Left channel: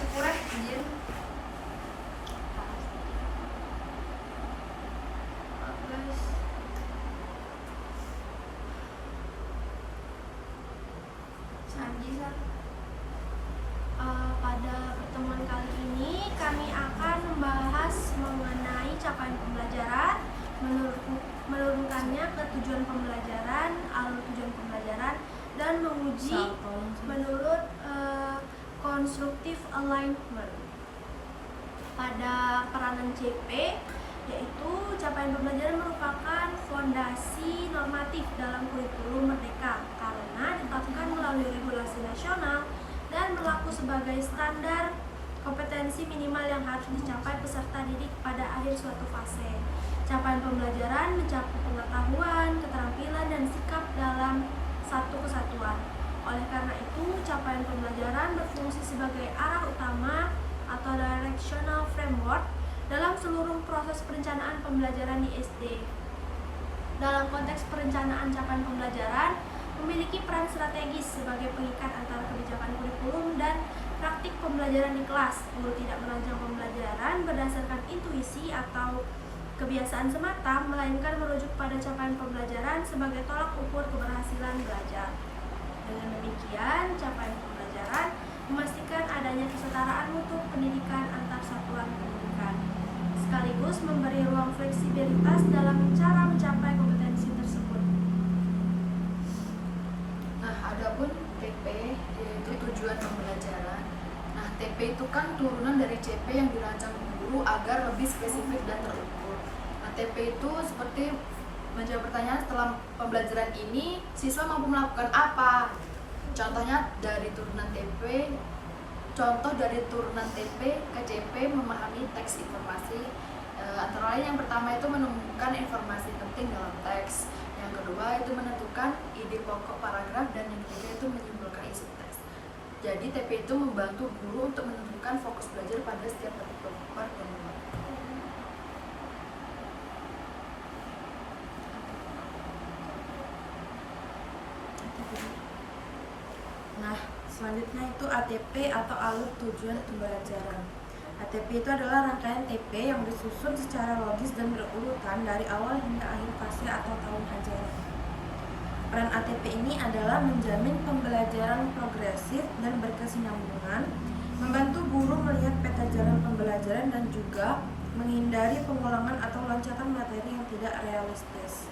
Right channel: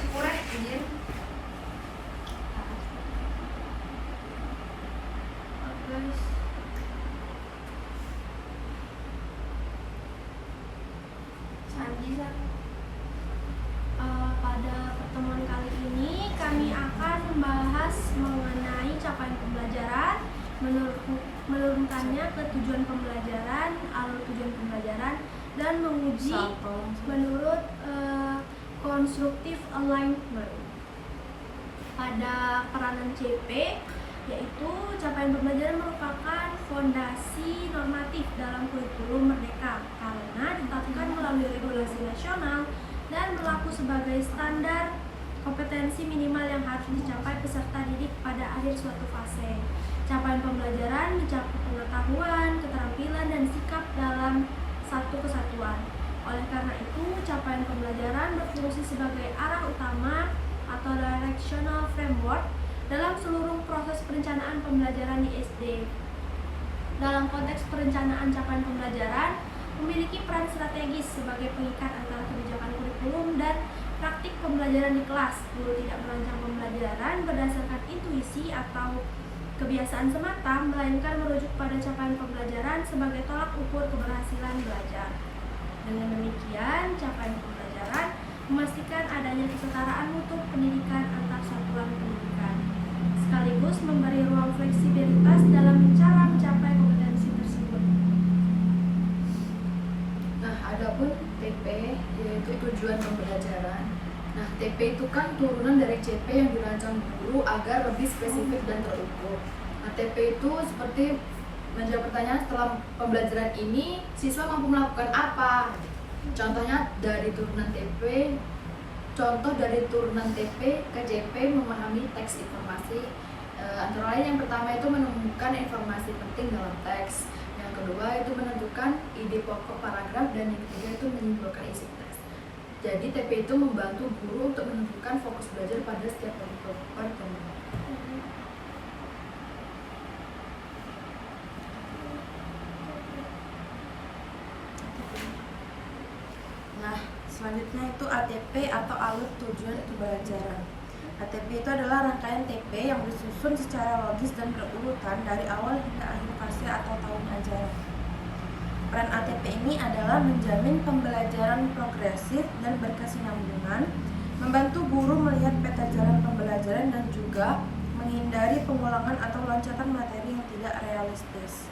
Syukurnya anjir. Guys. Pada pertemuan kali ini kami akan membahas mengenai capaian pembelajaran, menurunkannya ke tujuan pembelajaran, alur tujuan pembelajaran, dan menguji menurut constructive alignment. Pada peranan CP, yaitu capaian pembelajaran merupakan fondasi normatif dalam kurikulum Merdeka karena ditetapkan melalui regulasi nasional dan berlaku sebagai standar kompetensi minimal yang harus dicapai peserta didik pada akhir suatu fase. Capaian pembelajaran mencakup pengetahuan, keterampilan, dan sikap dalam satu kesatuan. Oleh karena itu, capaian pembelajaran berfungsi sebagai arah utama atau directional framework dalam seluruh proses perencanaan pembelajaran di SD. Dalam konteks perencanaan capaian pembelajaran, memiliki peran strategis sebagai pengikat antara kebijakan kurikulum dan praktik pembelajaran di kelas. Guru tidak merancang pembelajaran berdasarkan intuisi atau kebiasaan semata, melainkan merujuk pada capaian pembelajaran sebagai tolak ukur keberhasilan belajar. Dengan demikian, capaian pembelajaran memastikan adanya kesetaraan mutu pendidikan antar satuan pendidikan, sekaligus memberi ruang fleksibilitas dalam cara mencapai kompetensi tersebut. Adapun TP yaitu tujuan pembelajaran. Nah, TP itu kan turunan dari CP yang dirancang guru agar lebih spesifik dan terukur. Nah, TP itu seperti menjawab pertanyaan setelah pembelajaran ini siswa mampu melakukan apa. Contoh dari turunan TP ke CP memahami teks informasi. Antara lain yang pertama itu menemukan informasi penting dalam teks. Yang kedua itu menentukan ide pokok paragraf, dan yang ketiga itu menyimpulkan isi teks. Jadi TP itu membantu guru untuk menentukan fokus belajar pada setiap pertemuan. Nah, selanjutnya itu ATP atau alur tujuan pembelajaran. ATP itu adalah rangkaian TP yang disusun secara logis dan berurutan dari awal hingga akhir fase atau tahun ajaran. Peran ATP ini adalah menjamin pembelajaran progresif dan berkesinambungan, membantu guru melihat peta jalan pembelajaran, dan juga menghindari pengulangan atau loncatan materi yang tidak realistis.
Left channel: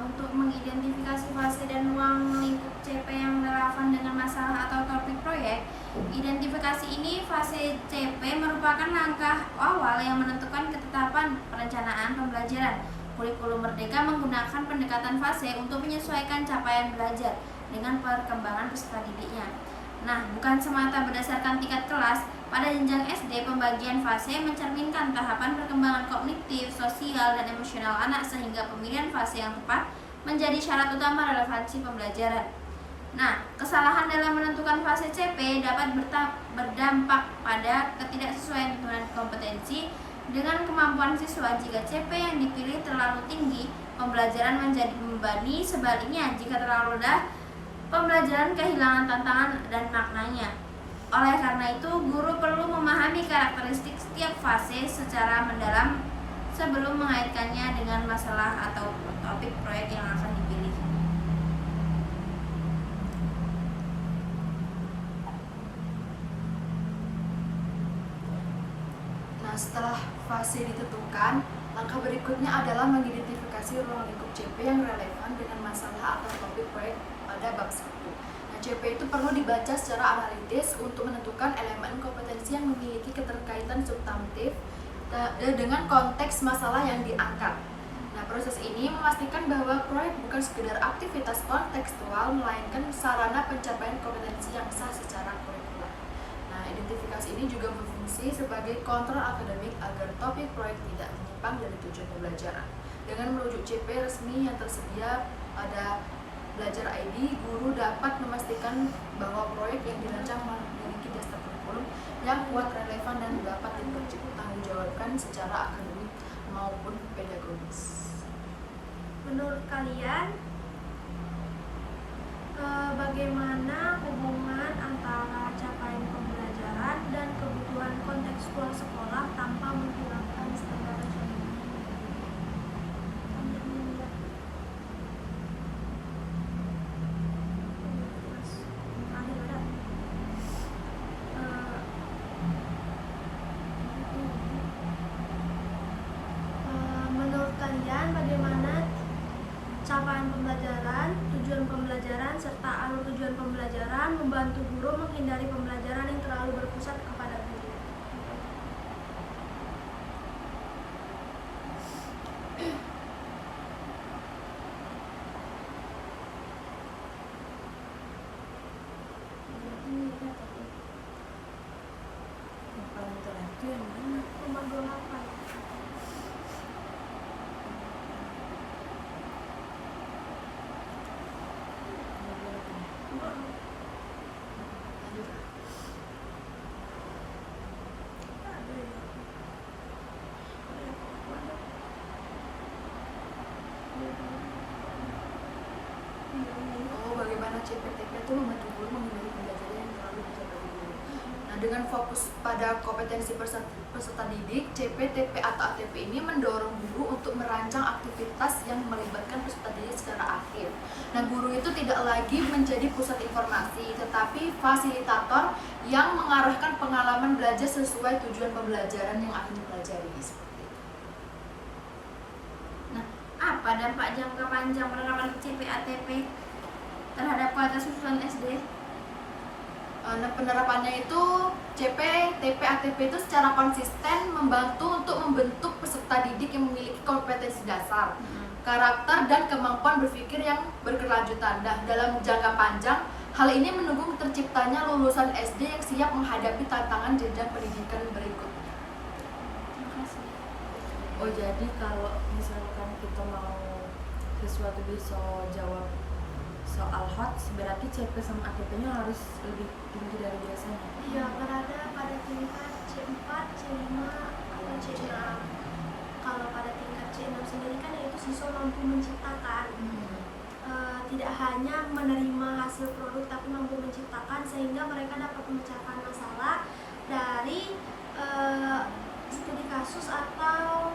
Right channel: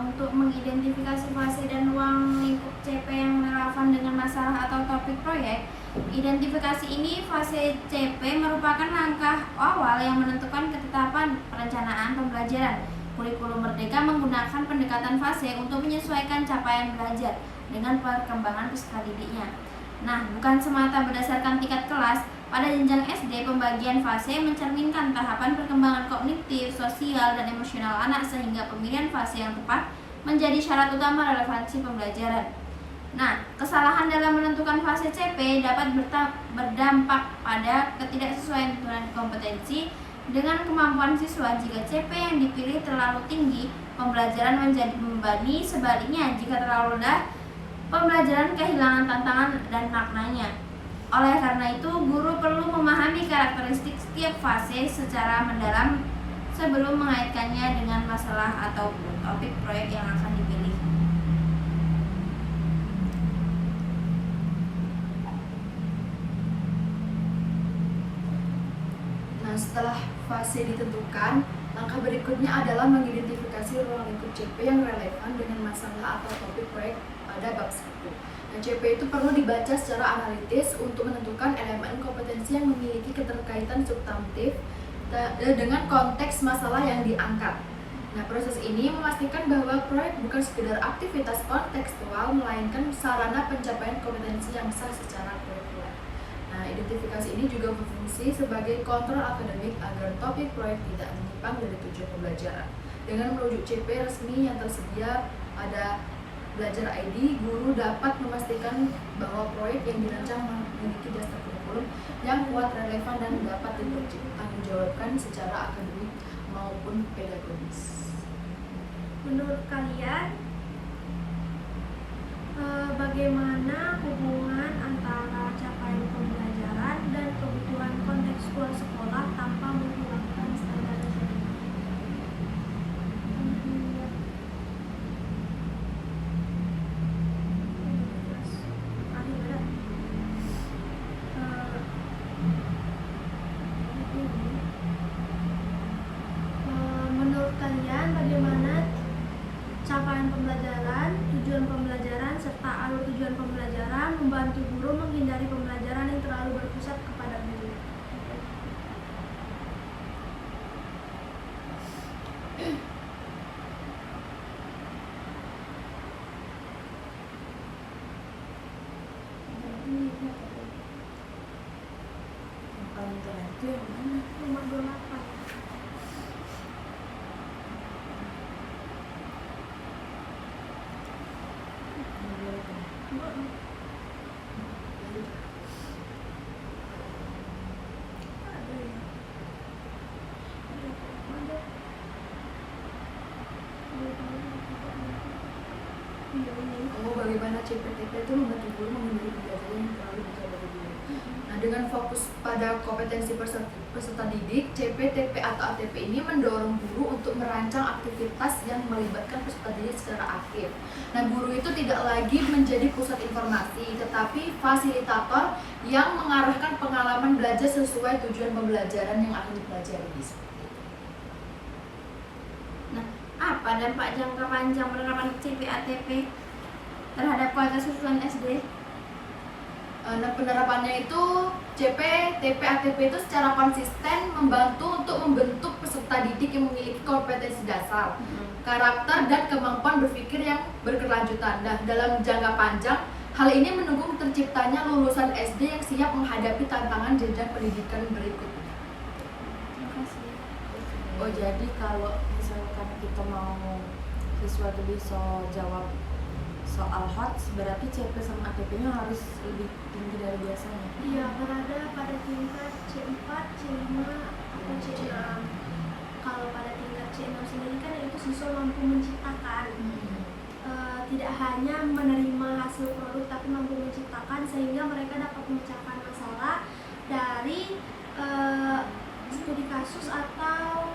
Untuk mengidentifikasi fase dan ruang lingkup CP yang relevan dengan masalah atau topik proyek, identifikasi ini fase CP merupakan langkah awal yang menentukan ketetapan perencanaan pembelajaran. Kurikulum Merdeka menggunakan pendekatan fase untuk menyesuaikan capaian belajar dengan perkembangan peserta didiknya. Nah, bukan semata berdasarkan tingkat kelas. Pada jenjang SD, pembagian fase mencerminkan tahapan perkembangan kognitif, sosial, dan emosional anak, sehingga pemilihan fase yang tepat menjadi syarat utama relevansi pembelajaran. Nah, kesalahan dalam menentukan fase CP dapat berdampak pada ketidaksesuaian tuntunan kompetensi dengan kemampuan siswa. Jika CP yang dipilih terlalu tinggi, pembelajaran menjadi membebani. Sebaliknya, jika terlalu rendah, pembelajaran kehilangan tantangan dan maknanya. Oleh karena itu, guru perlu memahami karakteristik setiap fase secara mendalam sebelum mengaitkannya dengan masalah atau topik proyek yang akan dipilih. Nah, setelah fase ditentukan, Langkah berikutnya adalah mengidentifikasi ruang lingkup CP yang relevan dengan masalah atau topik proyek pada bab 1. Nah, CP itu perlu dibaca secara analitis untuk menentukan elemen kompetensi yang memiliki keterkaitan substantif dengan konteks masalah yang diangkat. Nah, proses ini memastikan bahwa proyek bukan sekedar aktivitas kontekstual, melainkan sarana pencapaian kompetensi yang sah secara kurikuler. Nah, identifikasi ini juga berfungsi sebagai kontrol akademik agar topik proyek tidak menyimpang dari tujuan pembelajaran. Dengan merujuk CP resmi yang tersedia pada Belajar ID, guru dapat memastikan bahwa proyek yang dirancang memiliki dasar kurikulum yang kuat, relevan, dan dapat dipertanggungjawabkan secara akademik maupun pedagogis. Menurut kalian, bagaimana hubungan antara capaian pembelajaran dan kebutuhan kontekstual sekolah tanpa menghilangkan standar nasional? Menurut kalian, bagaimana capaian pembelajaran, tujuan pembelajaran, serta alur tujuan pembelajaran membantu guru menghindari pembelajaran yang terlalu berpusat kepada guru? Yang paling keren itu yang mana? Nomor 28. Ada ya? Oh, bagaimana CPTP itu membantu guru menghindari pembelajaran yang terlalu besar bagi guru. Nah, dengan fokus pada kompetensi peserta didik, CPTP atau ATP ini mendorong guru untuk merancang aktivitas yang melibatkan peserta didik secara aktif. Nah, guru itu tidak lagi menjadi pusat informasi, tetapi fasilitator yang mengarahkan pengalaman belajar sesuai tujuan pembelajaran yang akan dipelajari. Nah, apa dampak jangka panjang penerapan CP-ATP terhadap kualitas lulusan SD? Nah, penerapannya itu CP, TP, ATP itu secara konsisten membantu untuk membentuk peserta didik yang memiliki kompetensi dasar, karakter, dan kemampuan berpikir yang berkelanjutan. Nah, dalam jangka panjang, hal ini mendukung terciptanya lulusan SD yang siap menghadapi tantangan jenjang pendidikan berikutnya. Terima kasih. Oh, jadi kalau misalkan kita mau siswa itu bisa jawab soal HOTS, berarti CP sama ATP-nya harus lebih tinggi dari biasanya. Iya, berada pada tingkat C4, C5, atau C6. Kalau pada tingkat C6 sendiri kan itu siswa mampu menciptakan. Tidak hanya menerima hasil produk, tapi mampu menciptakan sehingga mereka dapat memecahkan masalah dari studi kasus atau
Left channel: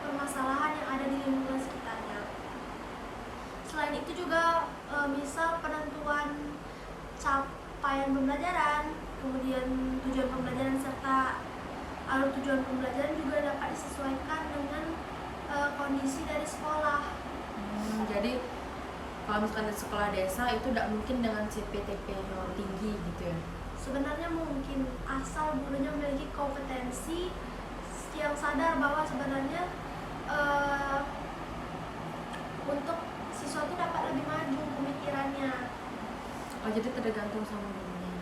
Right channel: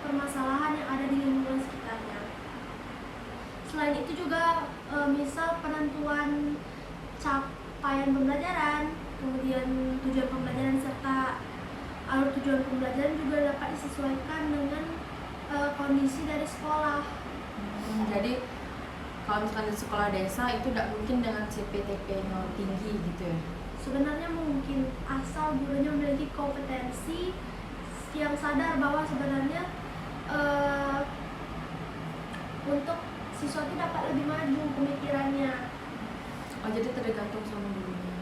permasalahan yang ada di lingkungan sekitarnya. Selain itu juga misal penentuan capaian pembelajaran, kemudian tujuan pembelajaran serta alur tujuan pembelajaran juga dapat disesuaikan dengan kondisi dari sekolah. Jadi kalau misalkan di sekolah desa itu tidak mungkin dengan CPTP-nya tinggi gitu ya? Sebenarnya mungkin, asal gurunya memiliki kompetensi yang sadar bahwa sebenarnya untuk siswa itu dapat lebih maju pemikirannya. Oh, jadi tergantung sama gurunya.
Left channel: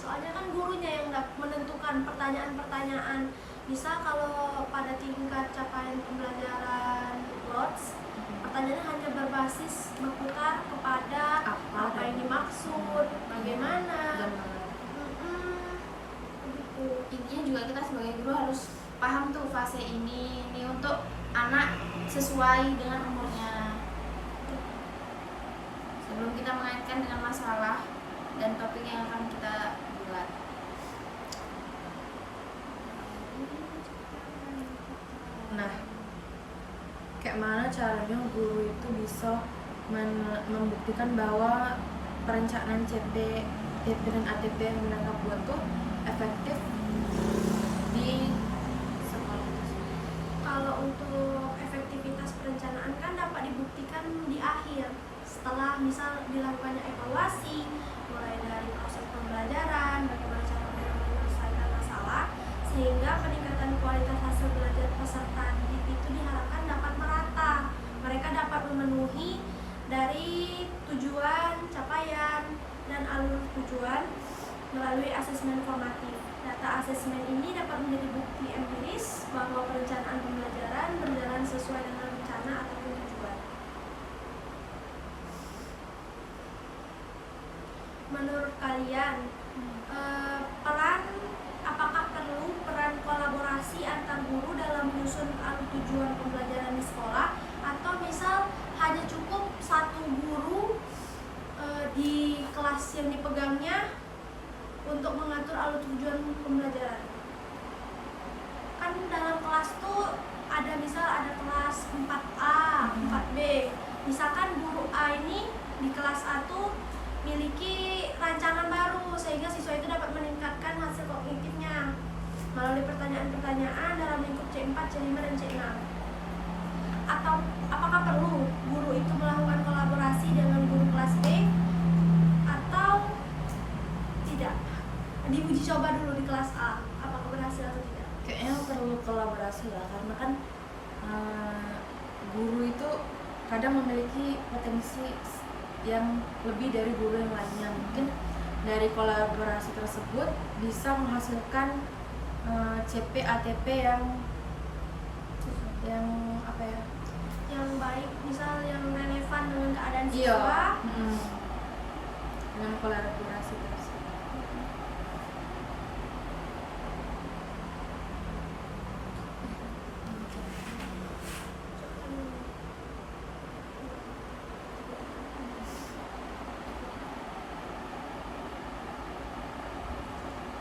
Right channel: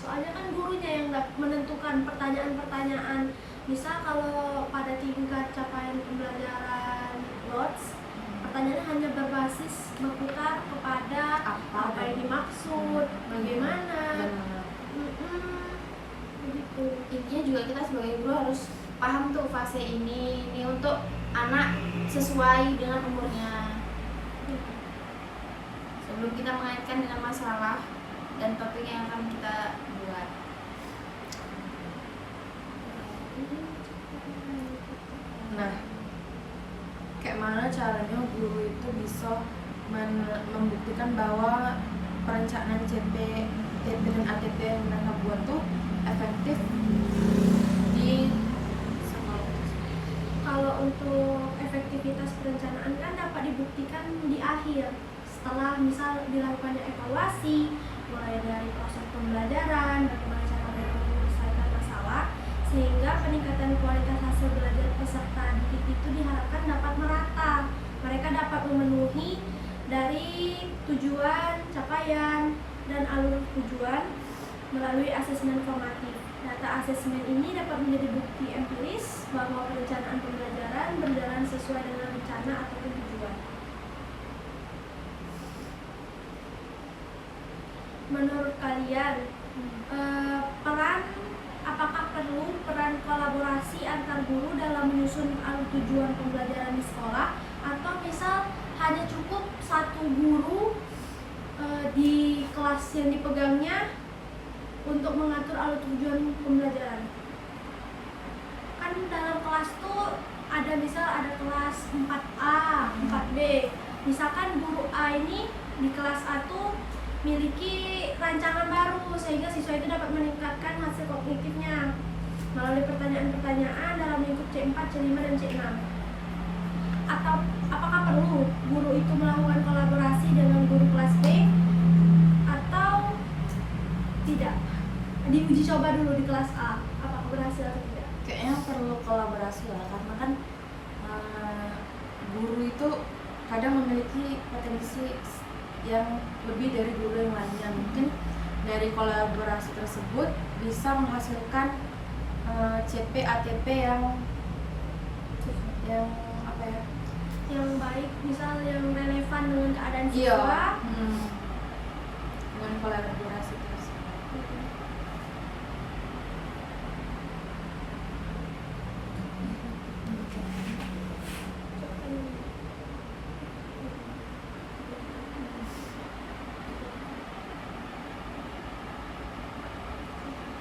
Soalnya kan gurunya yang menentukan pertanyaan-pertanyaan. Misal kalau pada tingkat capaian pembelajaran LOTS, pertanyaannya hanya berbasis berputar kepada apa yang dimaksud, bagaimana. Begitu. Intinya juga kita sebagai guru harus paham tuh fase ini untuk anak sesuai dengan umurnya. Sebelum kita mengaitkan dengan masalah dan topik yang akan kita buat. Nah, kayak mana caranya guru itu bisa membuktikan bahwa perencanaan CP, TP dan ATP yang mereka buat tuh efektif di untuk efektivitas perencanaan kan dapat dibuktikan di akhir setelah misal dilakukannya evaluasi, mulai dari proses pembelajaran, bagaimana cara mereka menyelesaikan masalah, sehingga peningkatan kualitas hasil belajar peserta didik itu diharapkan dapat merata. Mereka dapat memenuhi dari tujuan, capaian, dan alur tujuan melalui asesmen formatif. Data asesmen ini dapat menjadi bukti empiris bahwa perencanaan pembelajaran berjalan sesuai dengan rencana ataupun tujuan. Menurut kalian, apakah perlu peran kolaborasi antar guru dalam menyusun alur tujuan pembelajaran di sekolah, atau misal hanya cukup satu guru di kelas yang dipegangnya untuk mengatur alur tujuan pembelajaran? Kan dalam kelas tuh ada kelas 4A, 4B. Misalkan guru A ini di kelas A tuh miliki rancangan baru sehingga siswa itu dapat meningkatkan hasil kognitifnya melalui pertanyaan-pertanyaan dalam lingkup C4, C5, dan C6. Atau apakah perlu guru itu melakukan kolaborasi dengan guru kelas B atau tidak? Diuji coba dulu di kelas A, apakah berhasil atau tidak? Kayaknya perlu kolaborasi lah, karena kan guru itu kadang memiliki potensi yang lebih dari guru yang lainnya. Mungkin dari kolaborasi tersebut bisa menghasilkan CP ATP yang apa ya, yang baik, misal yang relevan dengan keadaan siswa. Dengan kolaborasi tersebut.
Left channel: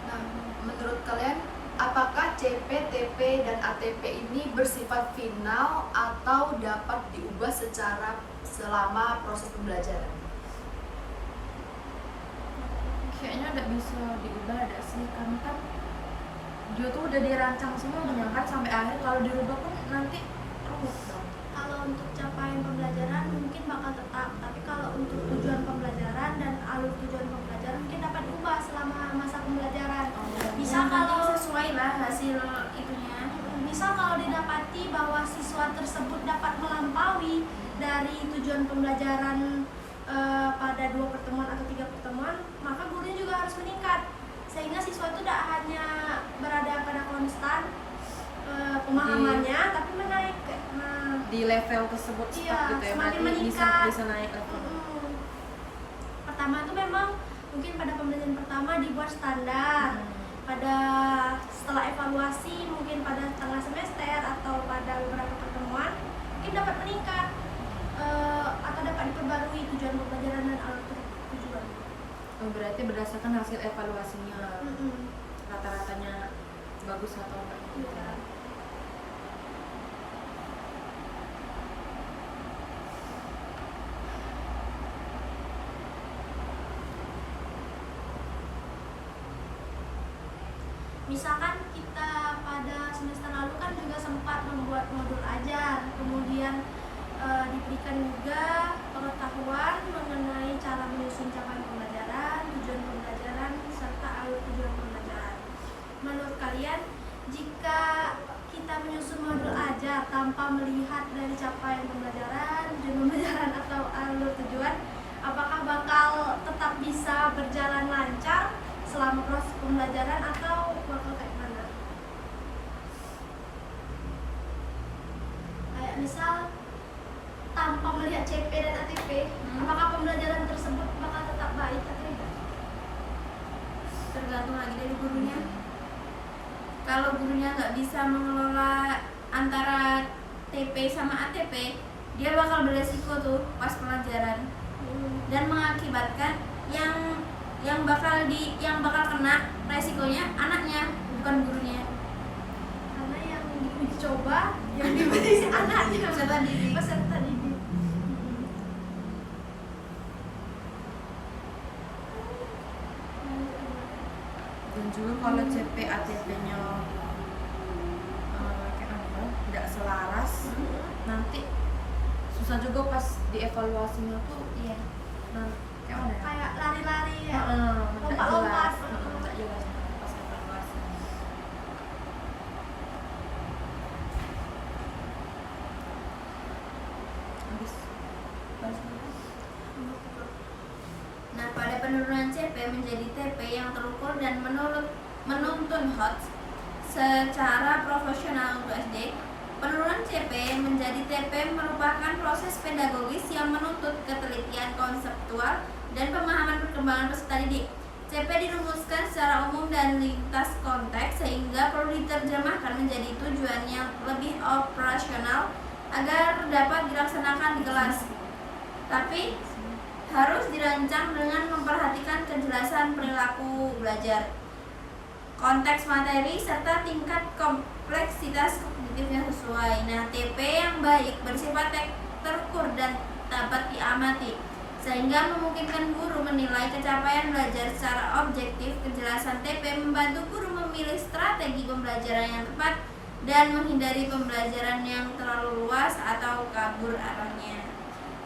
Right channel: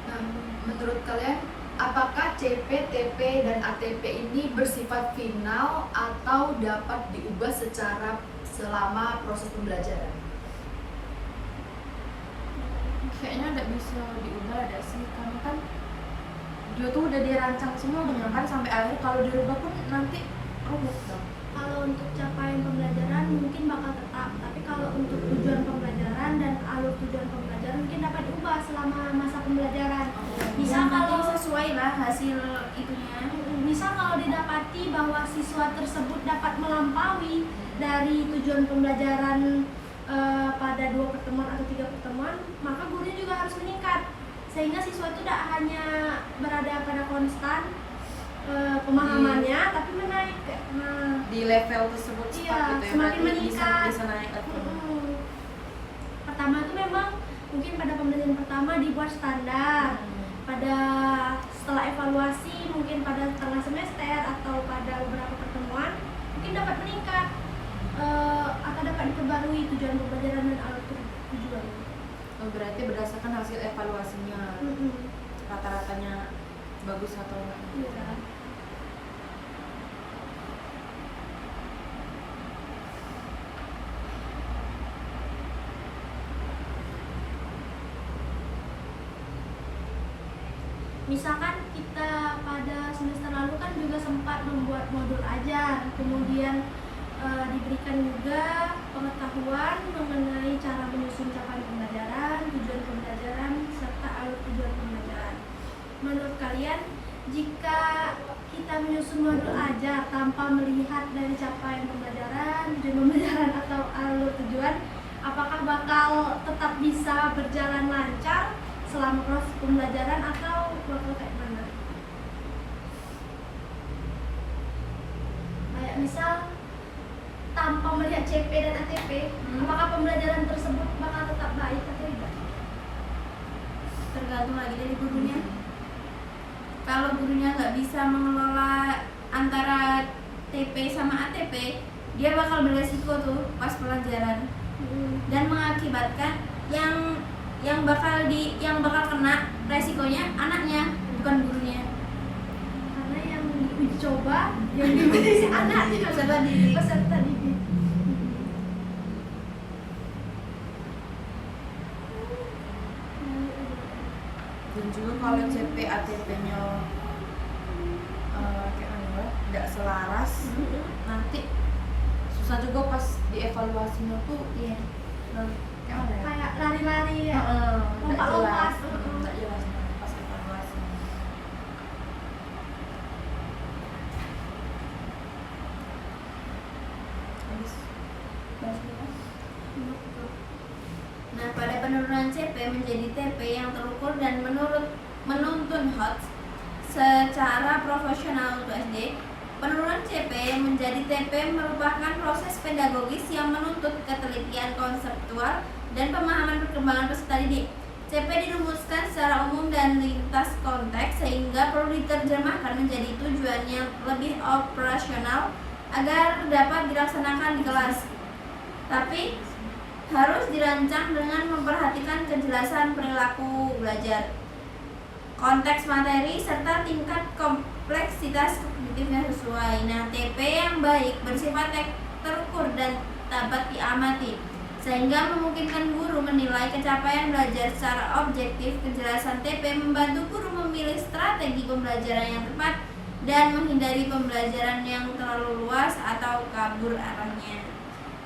Nah, menurut kalian, apakah CP, TP, dan ATP ini bersifat final atau dapat diubah selama proses pembelajaran? Kayaknya ada bisa diubah, ada sih, karena kan dia tuh udah dirancang semua dengan kan sampai akhir. Kalau dirubah pun nanti rumit dong. Kalau untuk capaian pembelajaran mungkin bakal tetap, tapi kalau untuk tujuan pembelajaran dan alur tujuan pembelajaran mungkin dapat diubah selama masa pembelajaran. Misal kalau sesuai lah hasil itunya. Misal kalau didapati bahwa siswa tersebut dapat melampaui dari tujuan pembelajaran pada 2 pertemuan atau 3 pertemuan, maka gurunya juga harus meningkat sehingga siswa itu tidak hanya berada pada konstan pemahamannya, tapi menaik Di level tersebut iya, gitu ya, semakin berarti meningkat. bisa naik level. Pertama itu memang mungkin pada pembelajaran pertama dibuat standar. Pada setelah evaluasi mungkin pada setengah semester atau pada beberapa pertemuan mungkin dapat meningkat atau dapat diperbarui tujuan pembelajaran dan alur tujuan. Berarti berdasarkan hasil evaluasinya, rata-ratanya bagus atau enggak? Iya. Misalkan kita pada semester lalu kan juga sempat membuat modul ajar, kemudian diberikan juga pengetahuan mengenai cara menyusun capaian pembelajaran, tujuan pembelajaran, serta alur tujuan pembelajaran. Menurut kalian, jika kita menyusun modul ajar tanpa melihat dari capaian pembelajaran, tujuan pembelajaran atau alur tujuan, apakah bakal tetap bisa berjalan lancar selama proses pembelajaran atau bakal kayak mana? Kayak misal tanpa melihat CP dan ATP, apakah pembelajaran tersebut bakal tetap baik atau tidak? Tergantung lagi dari gurunya. Kalau gurunya nggak bisa mengelola antara TP sama ATP, dia bakal beresiko tuh pas pelajaran dan mengakibatkan yang bakal kena resikonya anaknya, bukan gurunya. Karena yang dicoba yang dimensi anaknya, Peserta didik. peserta didik. Dan juga kalau CP ATP-nya tidak selaras, nanti susah juga pas dievaluasinya tuh. Iya. Kayak lari-lari ya, Nggak lompat-lompat. jelas, nggak jelas pas evaluasi. Habis. Nah, pada penurunan CP menjadi TP yang terukur dan menuntun HOTS secara profesional untuk SD, penurunan CP menjadi TP merupakan proses pedagogis yang menuntut ketelitian konseptual dan pemahaman perkembangan peserta didik. CP dirumuskan secara umum dan lintas konteks sehingga perlu diterjemahkan menjadi tujuan yang lebih operasional agar dapat dilaksanakan di kelas. Tapi harus dirancang dengan memperhatikan kejelasan perilaku belajar, konteks materi, serta tingkat kompleksitas kognitif yang sesuai. Nah, TP yang baik bersifat terukur dan dapat diamati, sehingga memungkinkan guru menilai capaian belajar secara objektif. Kejelasan TP membantu guru memilih strategi pembelajaran yang tepat dan menghindari pembelajaran yang terlalu luas atau kabur arahnya.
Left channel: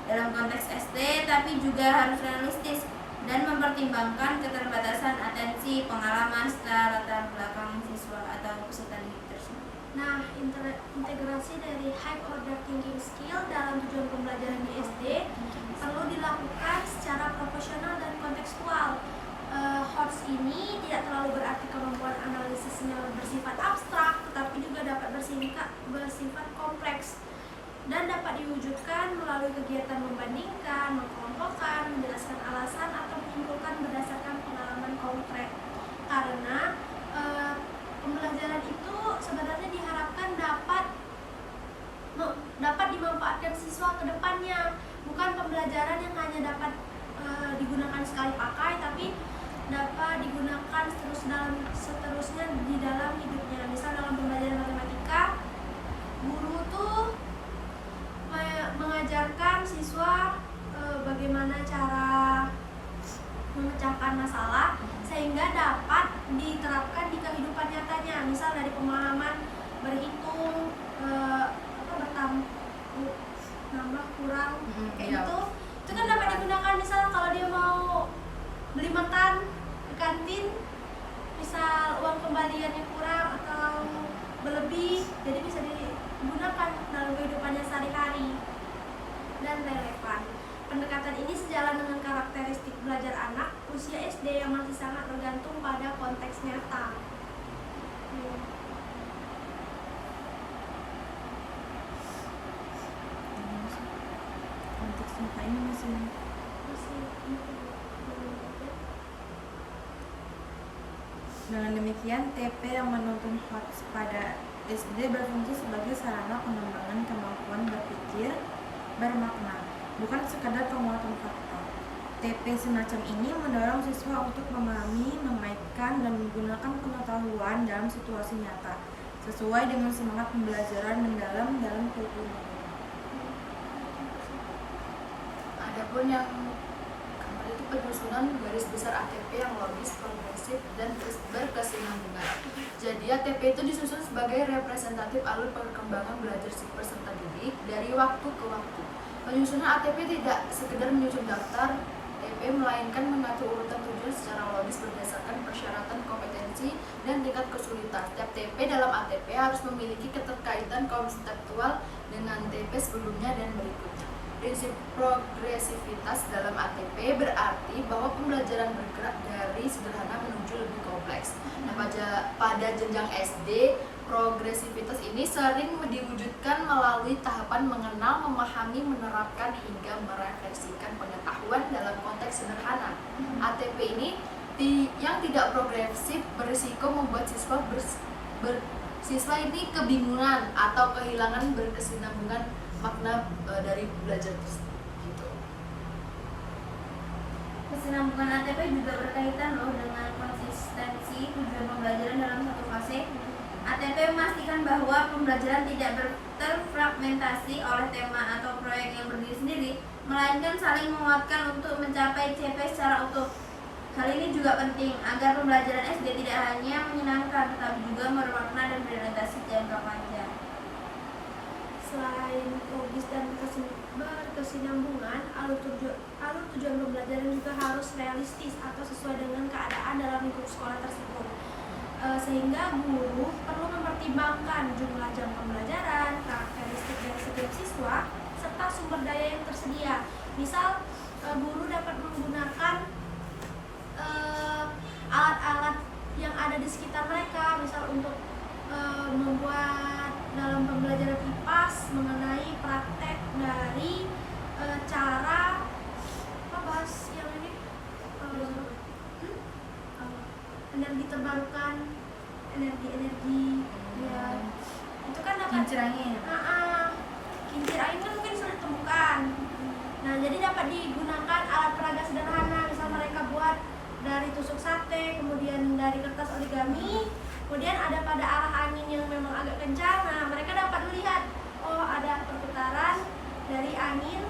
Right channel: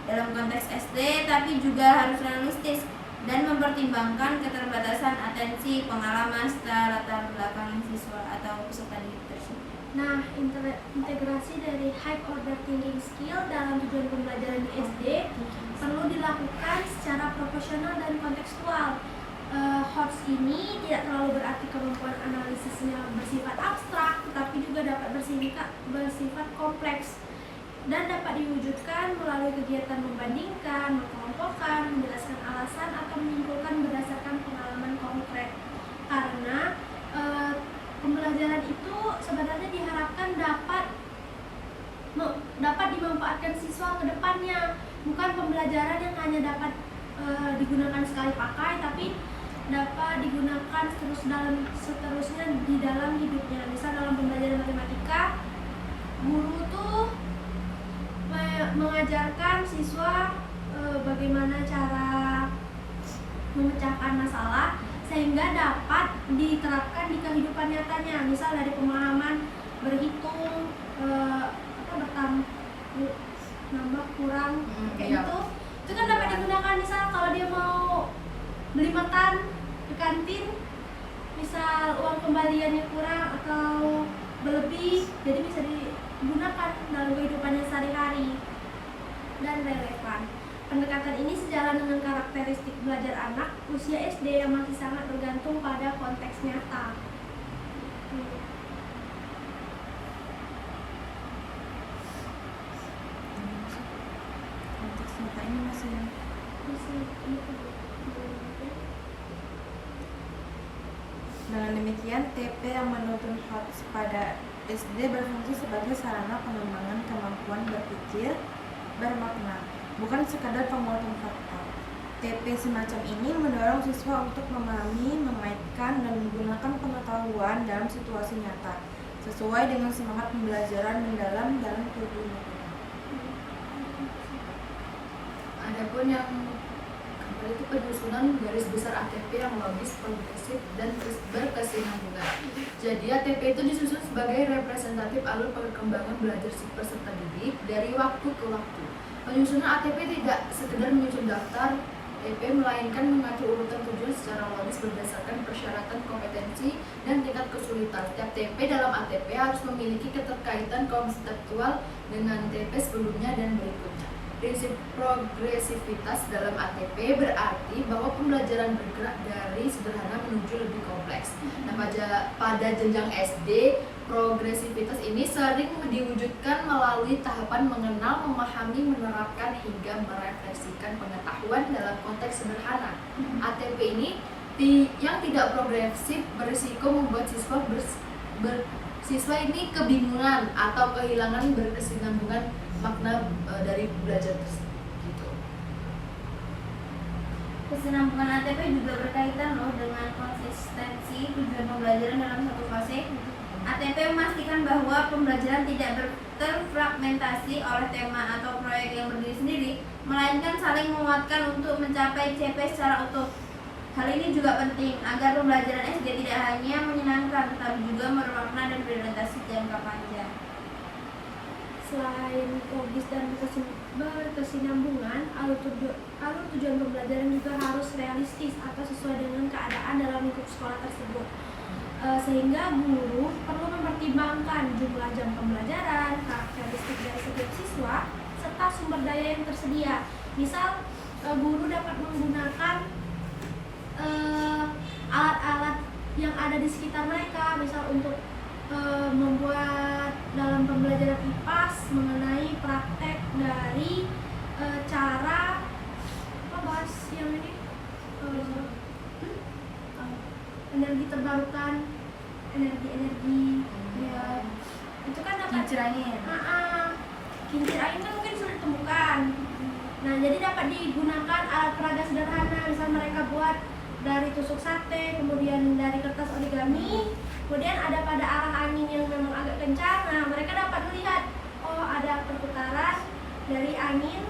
Dalam konteks SD, tapi juga harus realistis dan mempertimbangkan keterbatasan atensi, pengalaman, serta latar belakang siswa atau peserta didik tersebut. Nah, integrasi dari high order thinking skill dalam tujuan pembelajaran di SD perlu dilakukan secara profesional dan kontekstual. HOTS ini tidak terlalu berarti kemampuan analisisnya bersifat abstrak, tetapi juga dapat bersifat kompleks dan dapat diwujudkan melalui kegiatan membandingkan, mengkelompokkan, menjelaskan alasan, atau menyimpulkan berdasarkan pengalaman konkret. Karena pembelajaran itu sebenarnya diharapkan dapat dimanfaatkan siswa ke depannya, bukan pembelajaran yang hanya dapat digunakan sekali pakai, tapi dapat digunakan seterusnya di dalam hidupnya. Misal dalam pembelajaran matematika, guru tuh mengajarkan siswa bagaimana cara memecahkan masalah sehingga dapat diterapkan di kehidupan nyatanya. Misal dari pemahaman berhitung, nambah kurang, kayak gitu. Itu kan dapat digunakan misal kalau dia mau beli makan di kantin, misal uang kembaliannya kurang atau berlebih, jadi bisa digunakan dalam kehidupannya sehari-hari dan relevan. Pendekatan ini sejalan dengan karakteristik belajar anak usia SD yang masih sangat bergantung pada konteks nyata. Konteks nyata ini masih Dengan demikian, TP yang menuntun HOTS pada SD berfungsi sebagai sarana pengembangan kemampuan berpikir bermakna, bukan sekadar penguatan fakta. TP semacam ini mendorong siswa untuk memahami, memainkan, dan menggunakan pengetahuan dalam situasi nyata, sesuai dengan semangat pembelajaran mendalam dalam kurikulum. Adapun yang keempat itu penyusunan garis besar ATP yang logis, progresif, dan berkesinambungan. Jadi ATP itu disusun sebagai representatif alur perkembangan belajar peserta didik dari waktu ke waktu. Penyusunan ATP tidak sekedar menyusun daftar TP, melainkan mengatur urutan tujuan secara logis berdasarkan persyaratan kompetensi dan tingkat kesulitan. Setiap TP dalam ATP harus memiliki keterkaitan konseptual dengan TP sebelumnya dan berikutnya. Prinsip progresivitas dalam ATP berarti bahwa pembelajaran bergerak dari sederhana menuju lebih kompleks. Nah, pada jenjang SD, progresivitas ini sering diwujudkan melalui tahapan mengenal, memahami, menerapkan, hingga merefleksikan pengetahuan dalam konteks sederhana. ATP ini yang tidak progresif berisiko membuat siswa ini kebingungan atau kehilangan berkesinambungan makna dari belajar tersebut. Gitu. Kesinambungan ATP juga berkaitan dengan konsistensi tujuan pembelajaran dalam satu fase. ATP memastikan bahwa pembelajaran tidak terfragmentasi oleh tema atau proyek yang berdiri sendiri, melainkan saling menguatkan untuk mencapai CP secara utuh. Hal ini juga penting agar pembelajaran SD tidak hanya menyenangkan, tetapi juga bermakna dan berorientasi jangka panjang. Selain logis dan berkesinambungan, alur tujuan pembelajaran juga harus realistis atau sesuai dengan keadaan dalam lingkup sekolah tersebut. Sehingga guru perlu mempertimbangkan jumlah jam pembelajaran, karakteristik dari setiap siswa, serta sumber daya yang tersedia. Misal, guru dapat menggunakan alat-alat yang ada di sekitar mereka, misal untuk membuat dalam pembelajaran IPAS mengenai praktek dari cara apa bahas yang ini energi terbarukan, energi ya itu kan dapat Kincir angin. Kincir angin kan mungkin sulit ditemukan. Nah, jadi dapat digunakan alat peraga sederhana, misal mereka buat dari tusuk sate, kemudian dari kertas origami, kemudian ada pada arah angin yang memang agak kencang. Nah, mereka dapat melihat, oh ada perputaran dari angin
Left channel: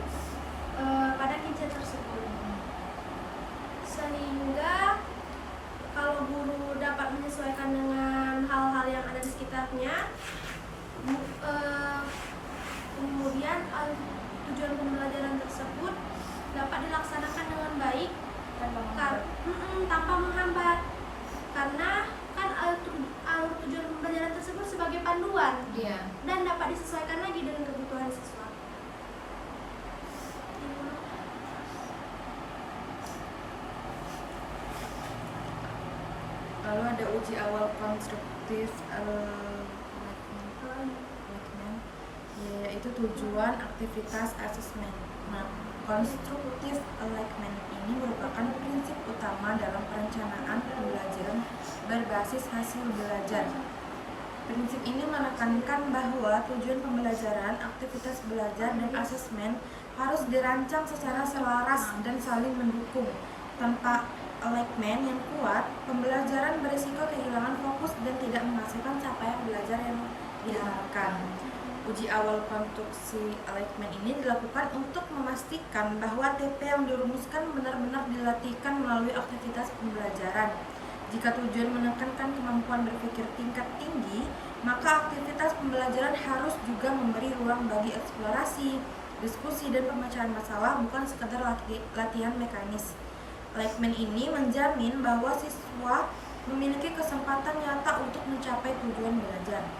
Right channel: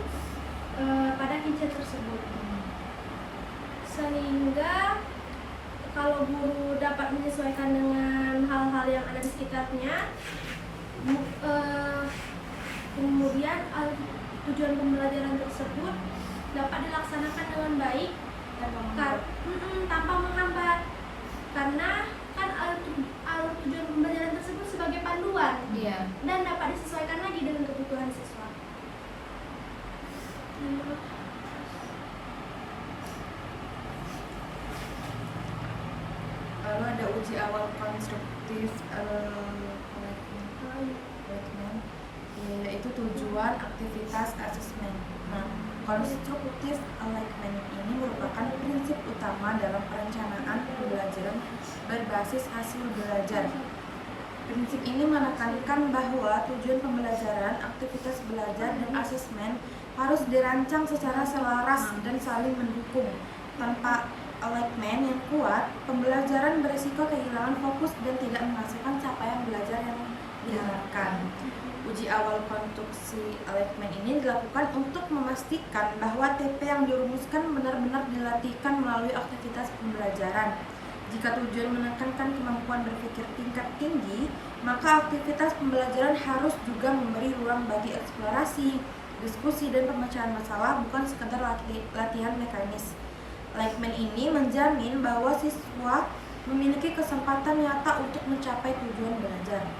pada kincir tersebut. Sehingga kalau guru dapat menyesuaikan dengan hal-hal yang ada di sekitarnya, kemudian tujuan pembelajaran tersebut dapat dilaksanakan dengan baik tanpa menghambat, karena kan alur tujuan pembelajaran tersebut sebagai panduan dan dapat disesuaikan lagi dengan kebutuhan siswa. Lalu ada uji awal konstruktif yaitu tujuan aktivitas asesmen. Nah, konstruktif alignment ini merupakan prinsip utama dalam perencanaan pembelajaran berbasis hasil belajar. Prinsip ini menekankan bahwa tujuan pembelajaran, aktivitas belajar, dan asesmen harus dirancang secara selaras dan saling mendukung. Tanpa alignment yang kuat, pembelajaran berisiko kehilangan fokus dan tidak menghasilkan capaian belajar yang diharapkan. Uji awal konstruksi alignment ini dilakukan untuk memastikan bahwa TP yang dirumuskan benar-benar dilatihkan melalui aktivitas pembelajaran. Jika tujuan menekankan kemampuan berpikir tingkat tinggi, maka aktivitas pembelajaran harus juga memberi ruang bagi eksplorasi, diskusi, dan pemecahan masalah, bukan sekedar latihan mekanis. Alignment ini menjamin bahwa siswa memiliki kesempatan nyata untuk mencapai tujuan belajar.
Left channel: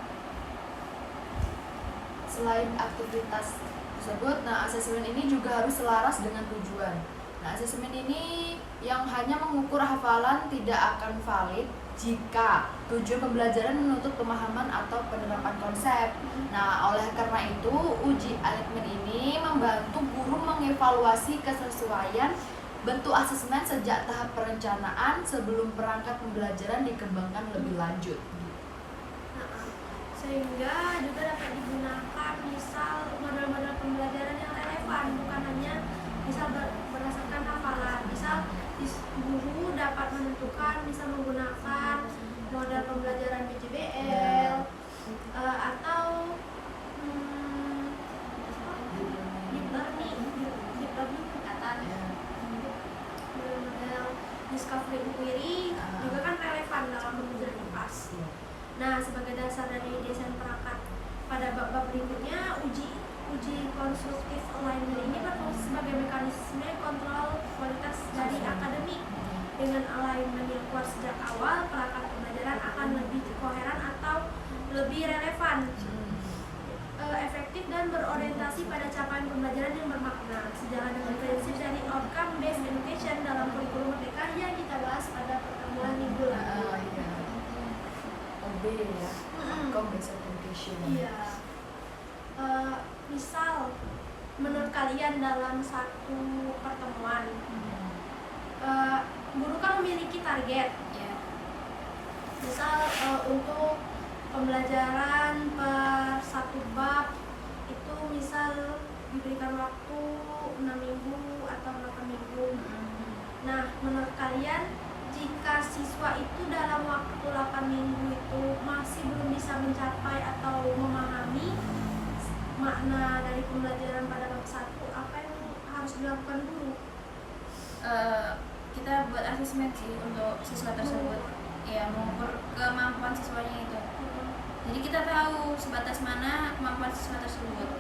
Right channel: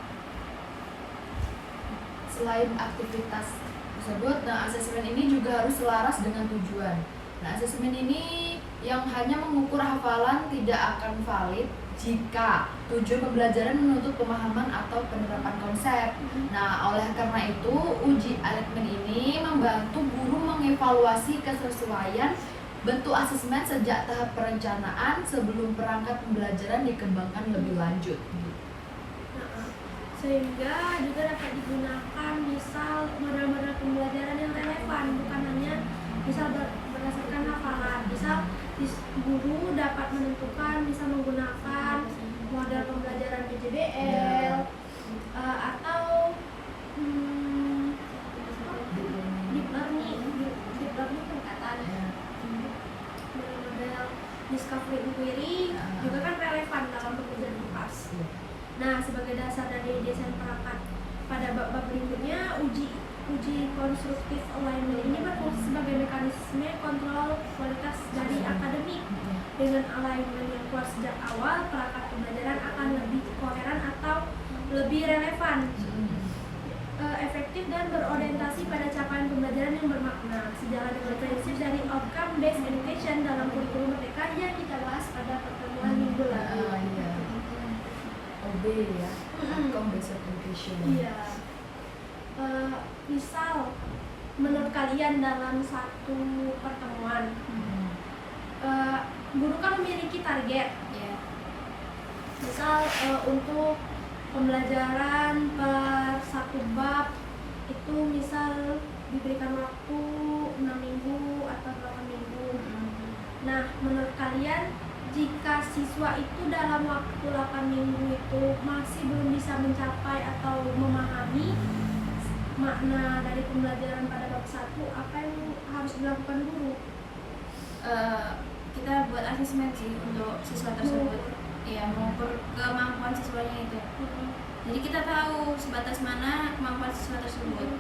Selain aktivitas tersebut, asesmen ini juga harus selaras dengan tujuan. Asesmen ini yang hanya mengukur hafalan tidak akan valid jika tujuan pembelajaran menuntut pemahaman atau penerapan konsep. Oleh karena itu, uji alignment ini membantu guru mengevaluasi kesesuaian bentuk asesmen sejak tahap perencanaan sebelum perangkat pembelajaran dikembangkan lebih lanjut. Sehingga juga dapat digunakan misal model-model pembelajaran yang relevan, bukan hanya misal berdasarkan hafalan. Misal guru dapat menentukan misal menggunakan model pembelajaran PJBL atau deep learning pendekatan, model discovery inquiry juga kan relevan dalam pembelajaran IPAS. Nah, sebagai dasar dari desain perangkat pada bab berikutnya, uji konstruktif alignment ini berfungsi sebagai mekanisme kontrol kualitas dari akademik. Dengan alignment yang kuat sejak awal, perangkat pembelajaran akan lebih koheren atau lebih relevan, efektif, dan berorientasi pada capaian pembelajaran yang bermakna, sejalan dengan prinsip dari outcome based education dalam kurikulum Merdeka yang kita bahas pada pertemuan minggu lalu. Outcome based education. Misal menurut kalian dalam satu pertemuan, guru kan memiliki target. Misal untuk pembelajaran per satu bab itu misal diberikan waktu 6 minggu atau 8 minggu. Nah, menurut kalian jika siswa itu dalam waktu 8 minggu itu masih belum bisa mencapai atau memahami makna dari pembelajaran pada bab 1, apa yang harus dilakukan guru? Kita buat asesmen sih untuk siswa tersebut, mengukur kemampuan siswanya itu. Jadi kita tahu sebatas mana kemampuan siswa tersebut.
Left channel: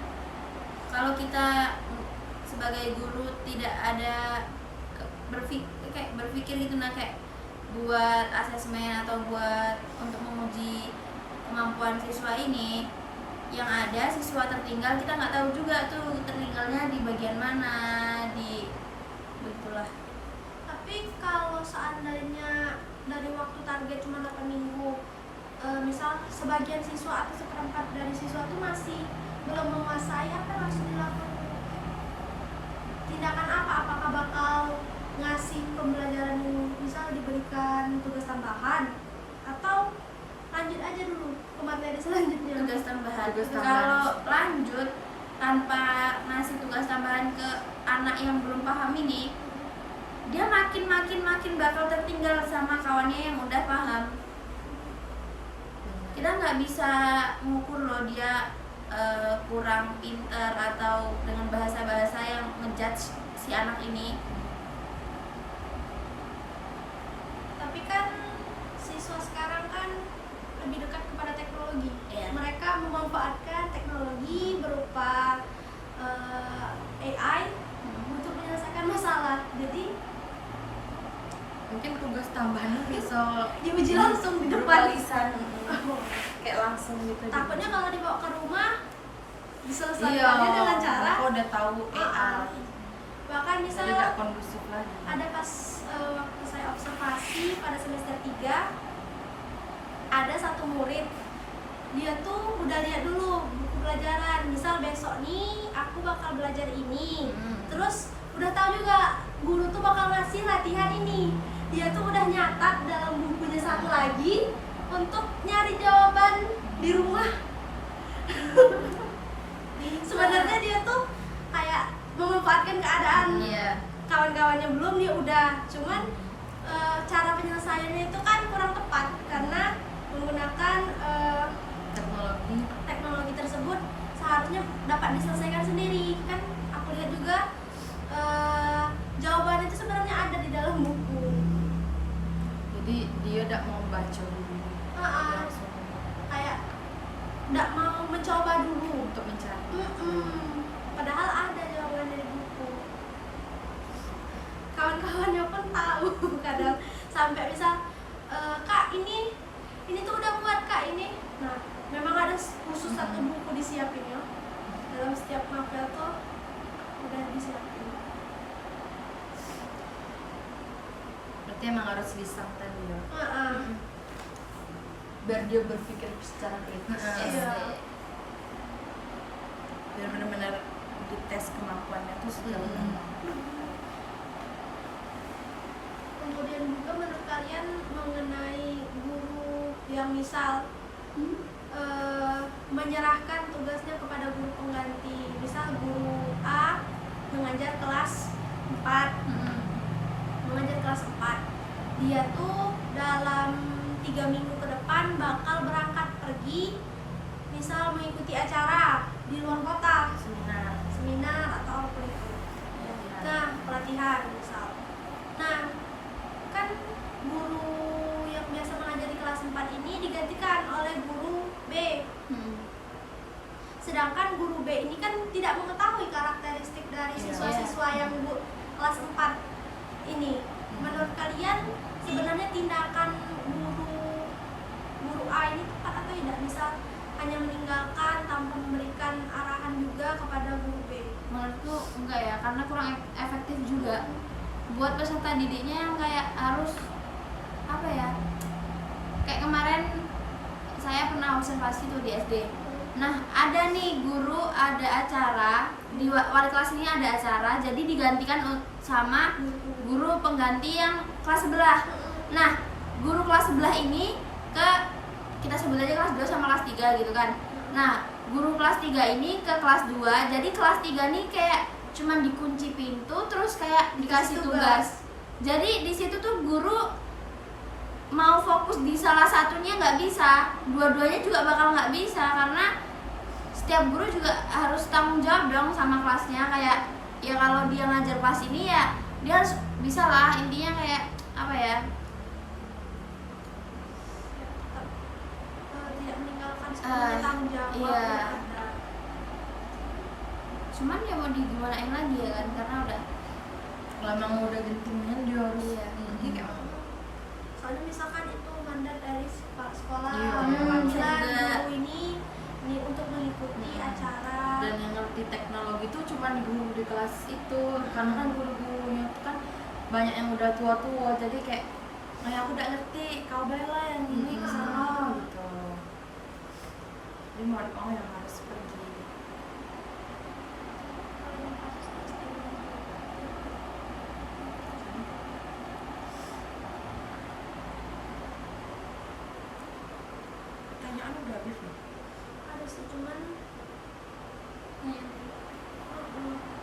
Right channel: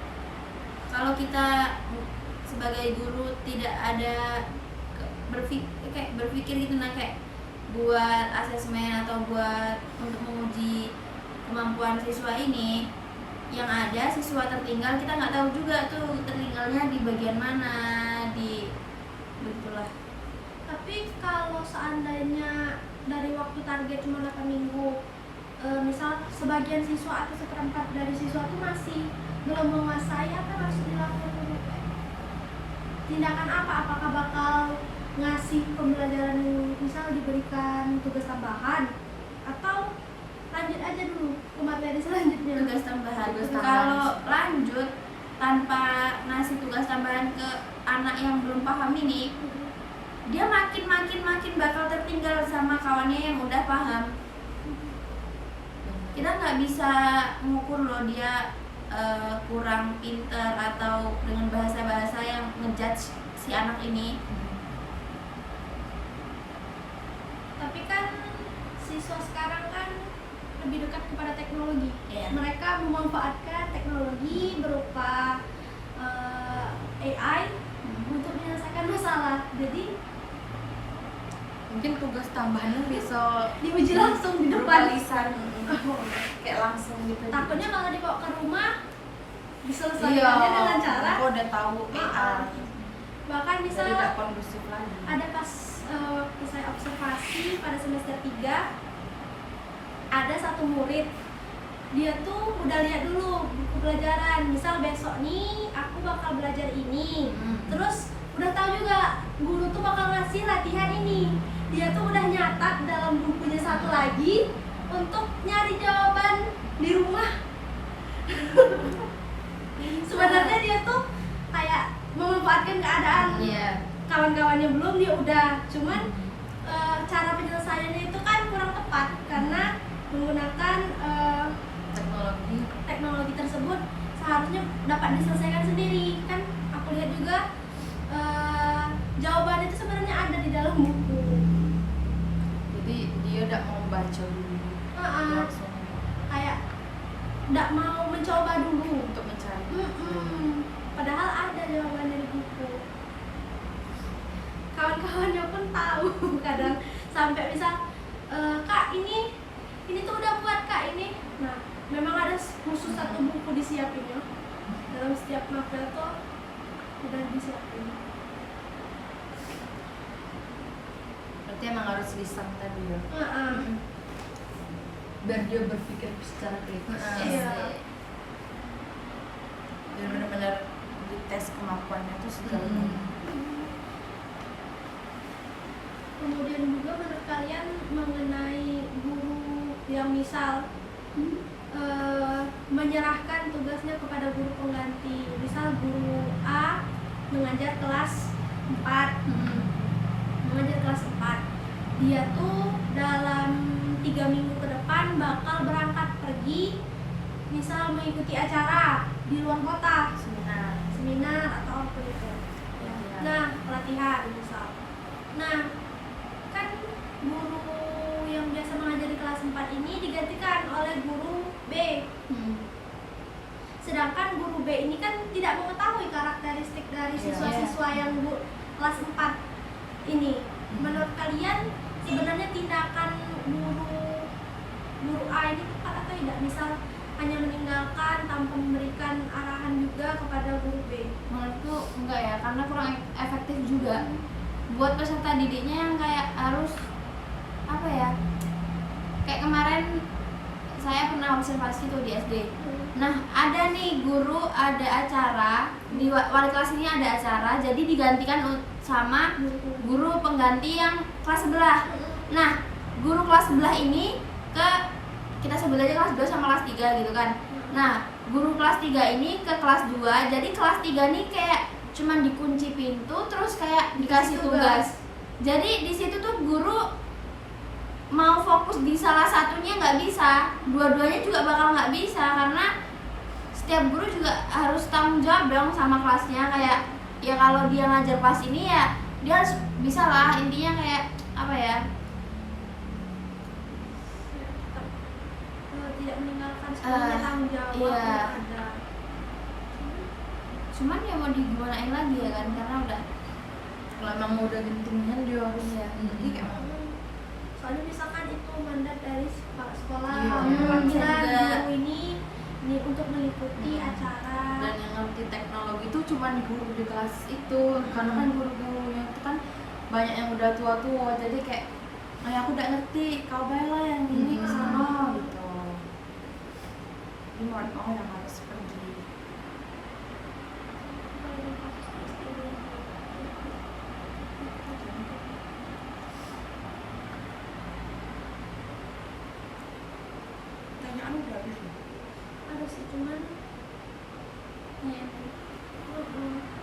Kalau kita sebagai guru tidak ada berpikir gitu, nah kayak buat asesmen atau buat untuk menguji kemampuan siswa ini, yang ada siswa tertinggal, kita nggak tahu juga tuh tertinggalnya di bagian mana, di begitulah. Tapi kalau seandainya dari waktu target cuma 8 minggu, misal sebagian siswa atau seperempat dari siswa itu masih belum menguasai, apa yang harus dilakukan guru? Tindakan apa? Apakah bakal ngasih pembelajaran misal diberikan tugas tambahan, atau lanjut aja dulu ke materi selanjutnya? Tugas tambahan. Kalau lanjut tanpa ngasih tugas tambahan ke anak yang belum paham ini, dia makin bakal tertinggal sama kawannya yang udah paham. Kita nggak bisa mengukur loh dia kurang pinter atau dengan bahasa-bahasa yang ngejudge si anak ini. Tapi kan siswa sekarang kan lebih dekat kepada teknologi. Iya. Mereka memanfaatkan teknologi berupa AI untuk menyelesaikan masalah. Jadi Mungkin tugas tambahannya bisa diuji langsung di depan. lisan, kayak langsung gitu. Takutnya kalau dibawa ke rumah Iya, diselesaikannya dengan cara aku udah tahu bahkan bisa misalnya tidak kondusif lagi. ada pas waktu saya observasi pada semester 3, ada satu murid, dia tuh udah lihat dulu buku pelajaran, misal besok nih aku bakal belajar ini, terus udah tahu juga guru tuh bakal ngasih latihan ini, dia tuh udah nyatat dalam bukunya satu lagi untuk nyari jawaban di rumah. Sebenarnya dia tuh kayak memanfaatkan keadaan kawan-kawannya belum, dia udah, cuman cara penyelesaiannya itu kan kurang tepat karena menggunakan teknologi tersebut seharusnya dapat diselesaikan sendiri. Kan aku lihat juga jawabannya itu sebenarnya ada di dalam buku. Jadi dia tidak mau baca dulu, langsung Kayak tidak mau mencoba dulu untuk mencari. Padahal ada jawabannya di buku. Kawan-kawannya pun tahu kadang sampai misal kak ini tuh udah buat kak ini. Nah memang ada khusus satu buku disiapinnya, dalam setiap novel tuh udah disiapin. Berarti emang harus lisan tadi ya. Biar dia berpikir secara kritis. Iya. Dan benar-benar dites kemampuannya tuh sejauh mana. Kemudian juga menurut kalian mengenai guru yang misal menyerahkan tugasnya kepada guru pengganti, misal guru A mengajar kelas 4, mengajar kelas 4, dia tuh dalam 3 minggu ke depan bakal berangkat pergi, misal mengikuti acara di luar kota, seminar atau apa itu. Nah, pelatihan misal. Nah, kan guru yang biasa mengajar di kelas 4 ini digantikan oleh guru B. Sedangkan guru B ini kan tidak mengetahui karakteristik dari siswa-siswa yang kelas 4 ini. Menurut kalian sebenarnya tindakan guru A ini tepat atau tidak? Misal hanya meninggalkan tanpa memberikan arahan juga kepada guru B. Menurutku enggak ya, karena kurang efektif juga buat peserta didiknya yang kayak harus apa ya, kayak kemarin saya pernah observasi tuh di SD. Nah ada nih guru, ada acara di wali kelas ini, ada acara jadi digantikan sama guru pengganti yang kelas sebelah. Nah guru kelas sebelah ini kita sebut aja kelas 2 sama kelas 3 gitu kan. Nah guru kelas 3 ini ke kelas 2, jadi kelas 3 nih kayak cuman dikunci pintu terus kayak dikasih tugas. Jadi di situ tuh guru mau fokus di salah satunya nggak bisa, dua-duanya juga bakal nggak bisa karena setiap guru juga harus tanggung jawab dong sama kelasnya. Kayak ya kalau dia ngajar kelas ini ya dia harus bisa lah, intinya kayak apa ya, tidak meninggalkan sepenuhnya tanggung jawab iya. yang ada. Cuman ya mau digimanain lagi ya kan, karena udah Kalau emang udah gitunya dia harus Iya. ngerti kayak mana. Soalnya misalkan itu mandat dari sekolah, Iya. panggilan Juga. guru ini untuk mengikuti acara. Dan yang ngerti teknologi itu cuma di guru di kelas itu, karena kan guru-gurunya itu kan banyak yang udah tua-tua, jadi kayak aku udah ngerti, kau bayar yang ini kesana gitu. Ini mohon yang harus pergi. Pertanyaan udah habis loh. Ada sih cuman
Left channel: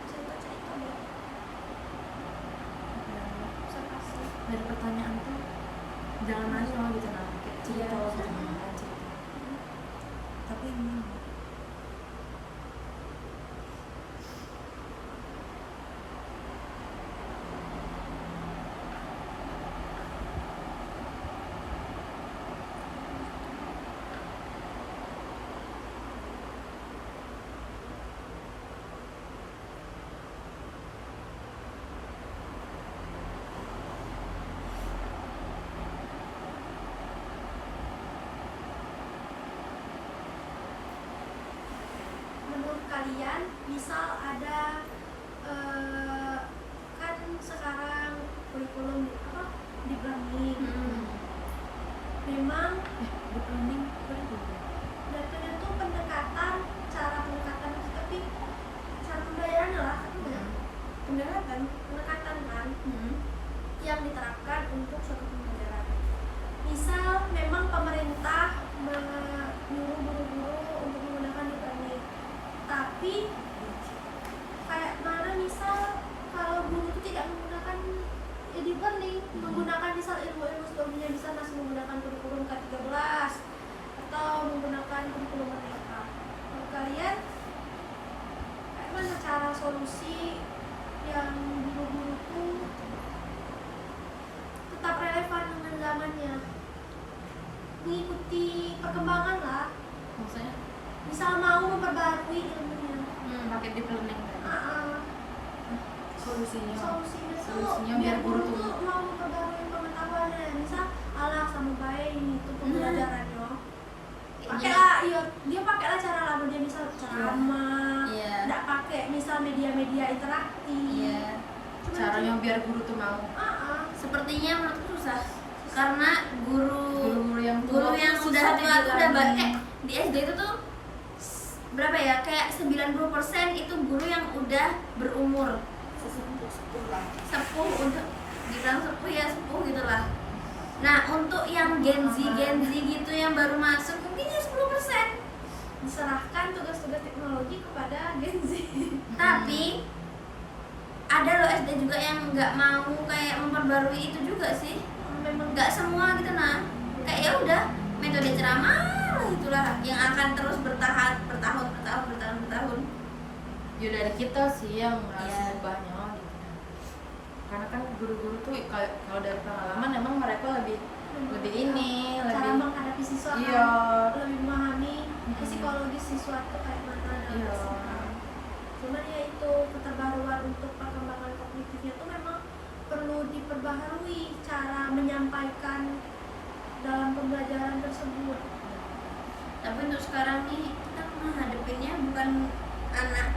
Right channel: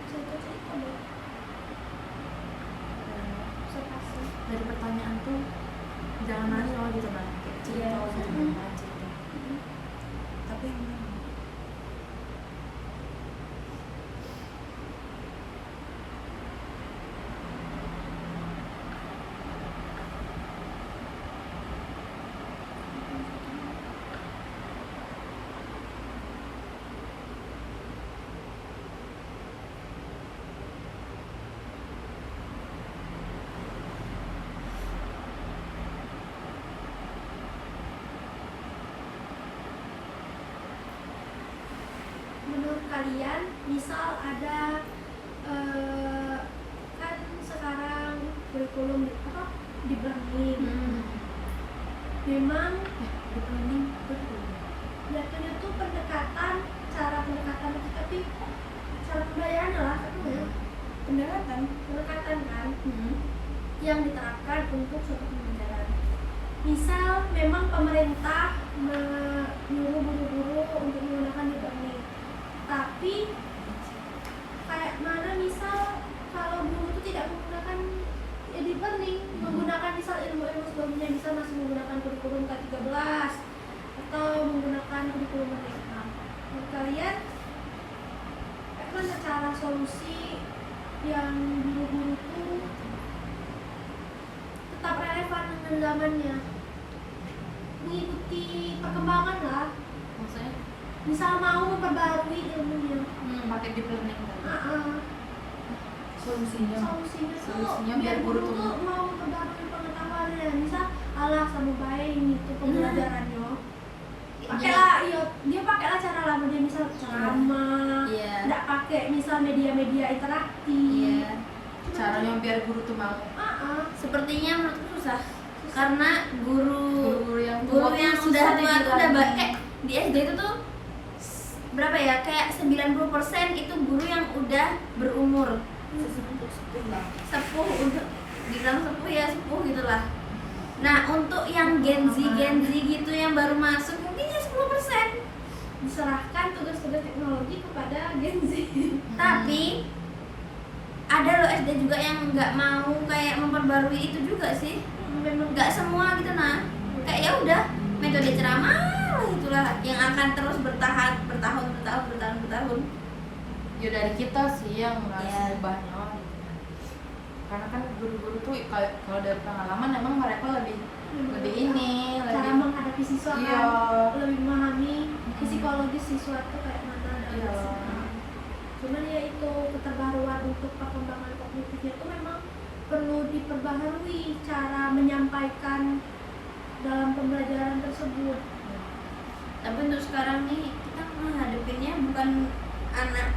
cerita deh. Observasi. Dari pertanyaan tuh jangan nanya loh gitu nanti cerita Iya. jangan cerita. Tapi gimana? Menurut kalian, misal ada kan sekarang kurikulum di branding, memang Di planning betul. jatuhnya tuh pendekatan, cara pendekatan itu, tapi cara pembelajarannya lah apa ya? pendekatan kan yang diterapkan untuk suatu pembelajaran. Misal memang pemerintah menyuruh guru-guru untuk menggunakan e-learning, tapi kayak mana misal kalau guru itu tidak menggunakan e-learning, menggunakan misal ilmu-ilmu sebelumnya, misal masih menggunakan kurikulum K13 atau menggunakan kurikulum merdeka. Menurut kalian kayak mana cara solusi yang guru-guru itu tetap relevan dengan zamannya, mengikuti perkembangan lah, Maksudnya misal mau memperbarui ilmunya. pakai deep learning kan? Solusinya Solusinya tuh biar biar guru guru tuh tuh mau memperbarui pengetahuannya. Misal alah sama baik ini tuh pembelajarannya, pakailah dia pakailah cara lama dia, misal ceramah, Iya. nggak pakai misal media-media interaktif. Iya. Cuman Caranya biar guru tuh mau. Sepertinya menurutku susah karena Guru-guru yang guru tua yang tuh udah susah tua tuh udah dibilangin. di SD itu tuh berapa ya, kayak 90% itu guru yang udah berumur sepuh, untuk dibilang sepuh ya sepuh gitulah. Nah untuk yang Gen Z gitu yang baru masuk mungkin ya 10%. diserahkan tugas-tugas teknologi kepada Gen Z. Tapi ada loh SD juga yang nggak mau kayak memperbarui itu juga sih. Memang Nggak semua gitu nah. Kayak ya udah metode ceramah lah itulah yang akan terus bertahun. Ya dari kita sih yang harus Iya. ubahnya gitu. Karena kan guru-guru tuh kalau dari pengalaman emang mereka lebih ini cara lebih menghadapi siswa Iya. kan, lebih memahami psikologis siswa itu kayak mana dalam Iya. bersikap. Cuman ya itu keterbaruan untuk perkembangan kognitifnya itu memang perlu diperbaharui cara menyampaikan dalam pembelajaran tersebut. Tapi untuk sekarang nih kita menghadapinnya bukan anak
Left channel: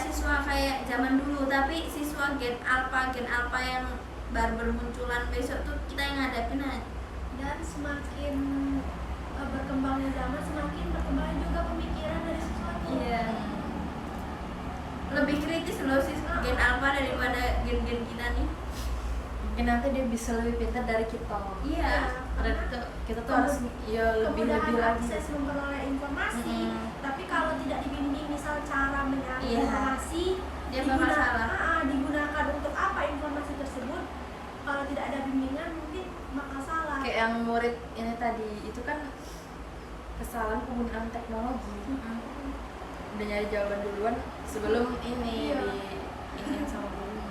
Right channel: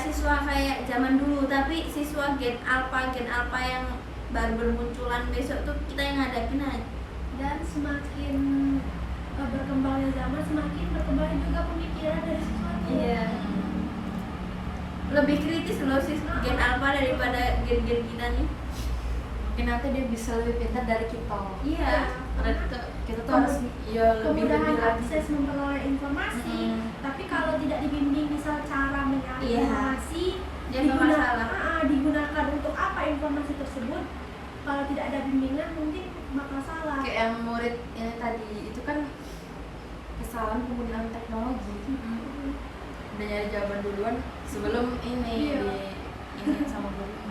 siswa kayak zaman dulu, tapi siswa gen alpha yang baru bermunculan besok tuh kita yang ngadapin aja. Dan semakin berkembangnya zaman, semakin berkembang juga pemikiran dari siswa itu. Iya. Lebih kritis loh gen alpha daripada gen kita nih. mungkin nanti dia bisa lebih pintar dari kita. Iya. Dari kita tuh harus ya lebih Kemudahan lagi. akses memperoleh informasi, tapi kalau tidak dibimbing misal cara menyerap Iya. informasi, Dia bakal salah. digunakan untuk apa informasi tersebut, kalau tidak ada bimbingan mungkin bakal salah. Kayak yang murid ini tadi itu kan kesalahan penggunaan teknologi. Udah nyari jawaban duluan sebelum ini Iya. ini sama gurunya.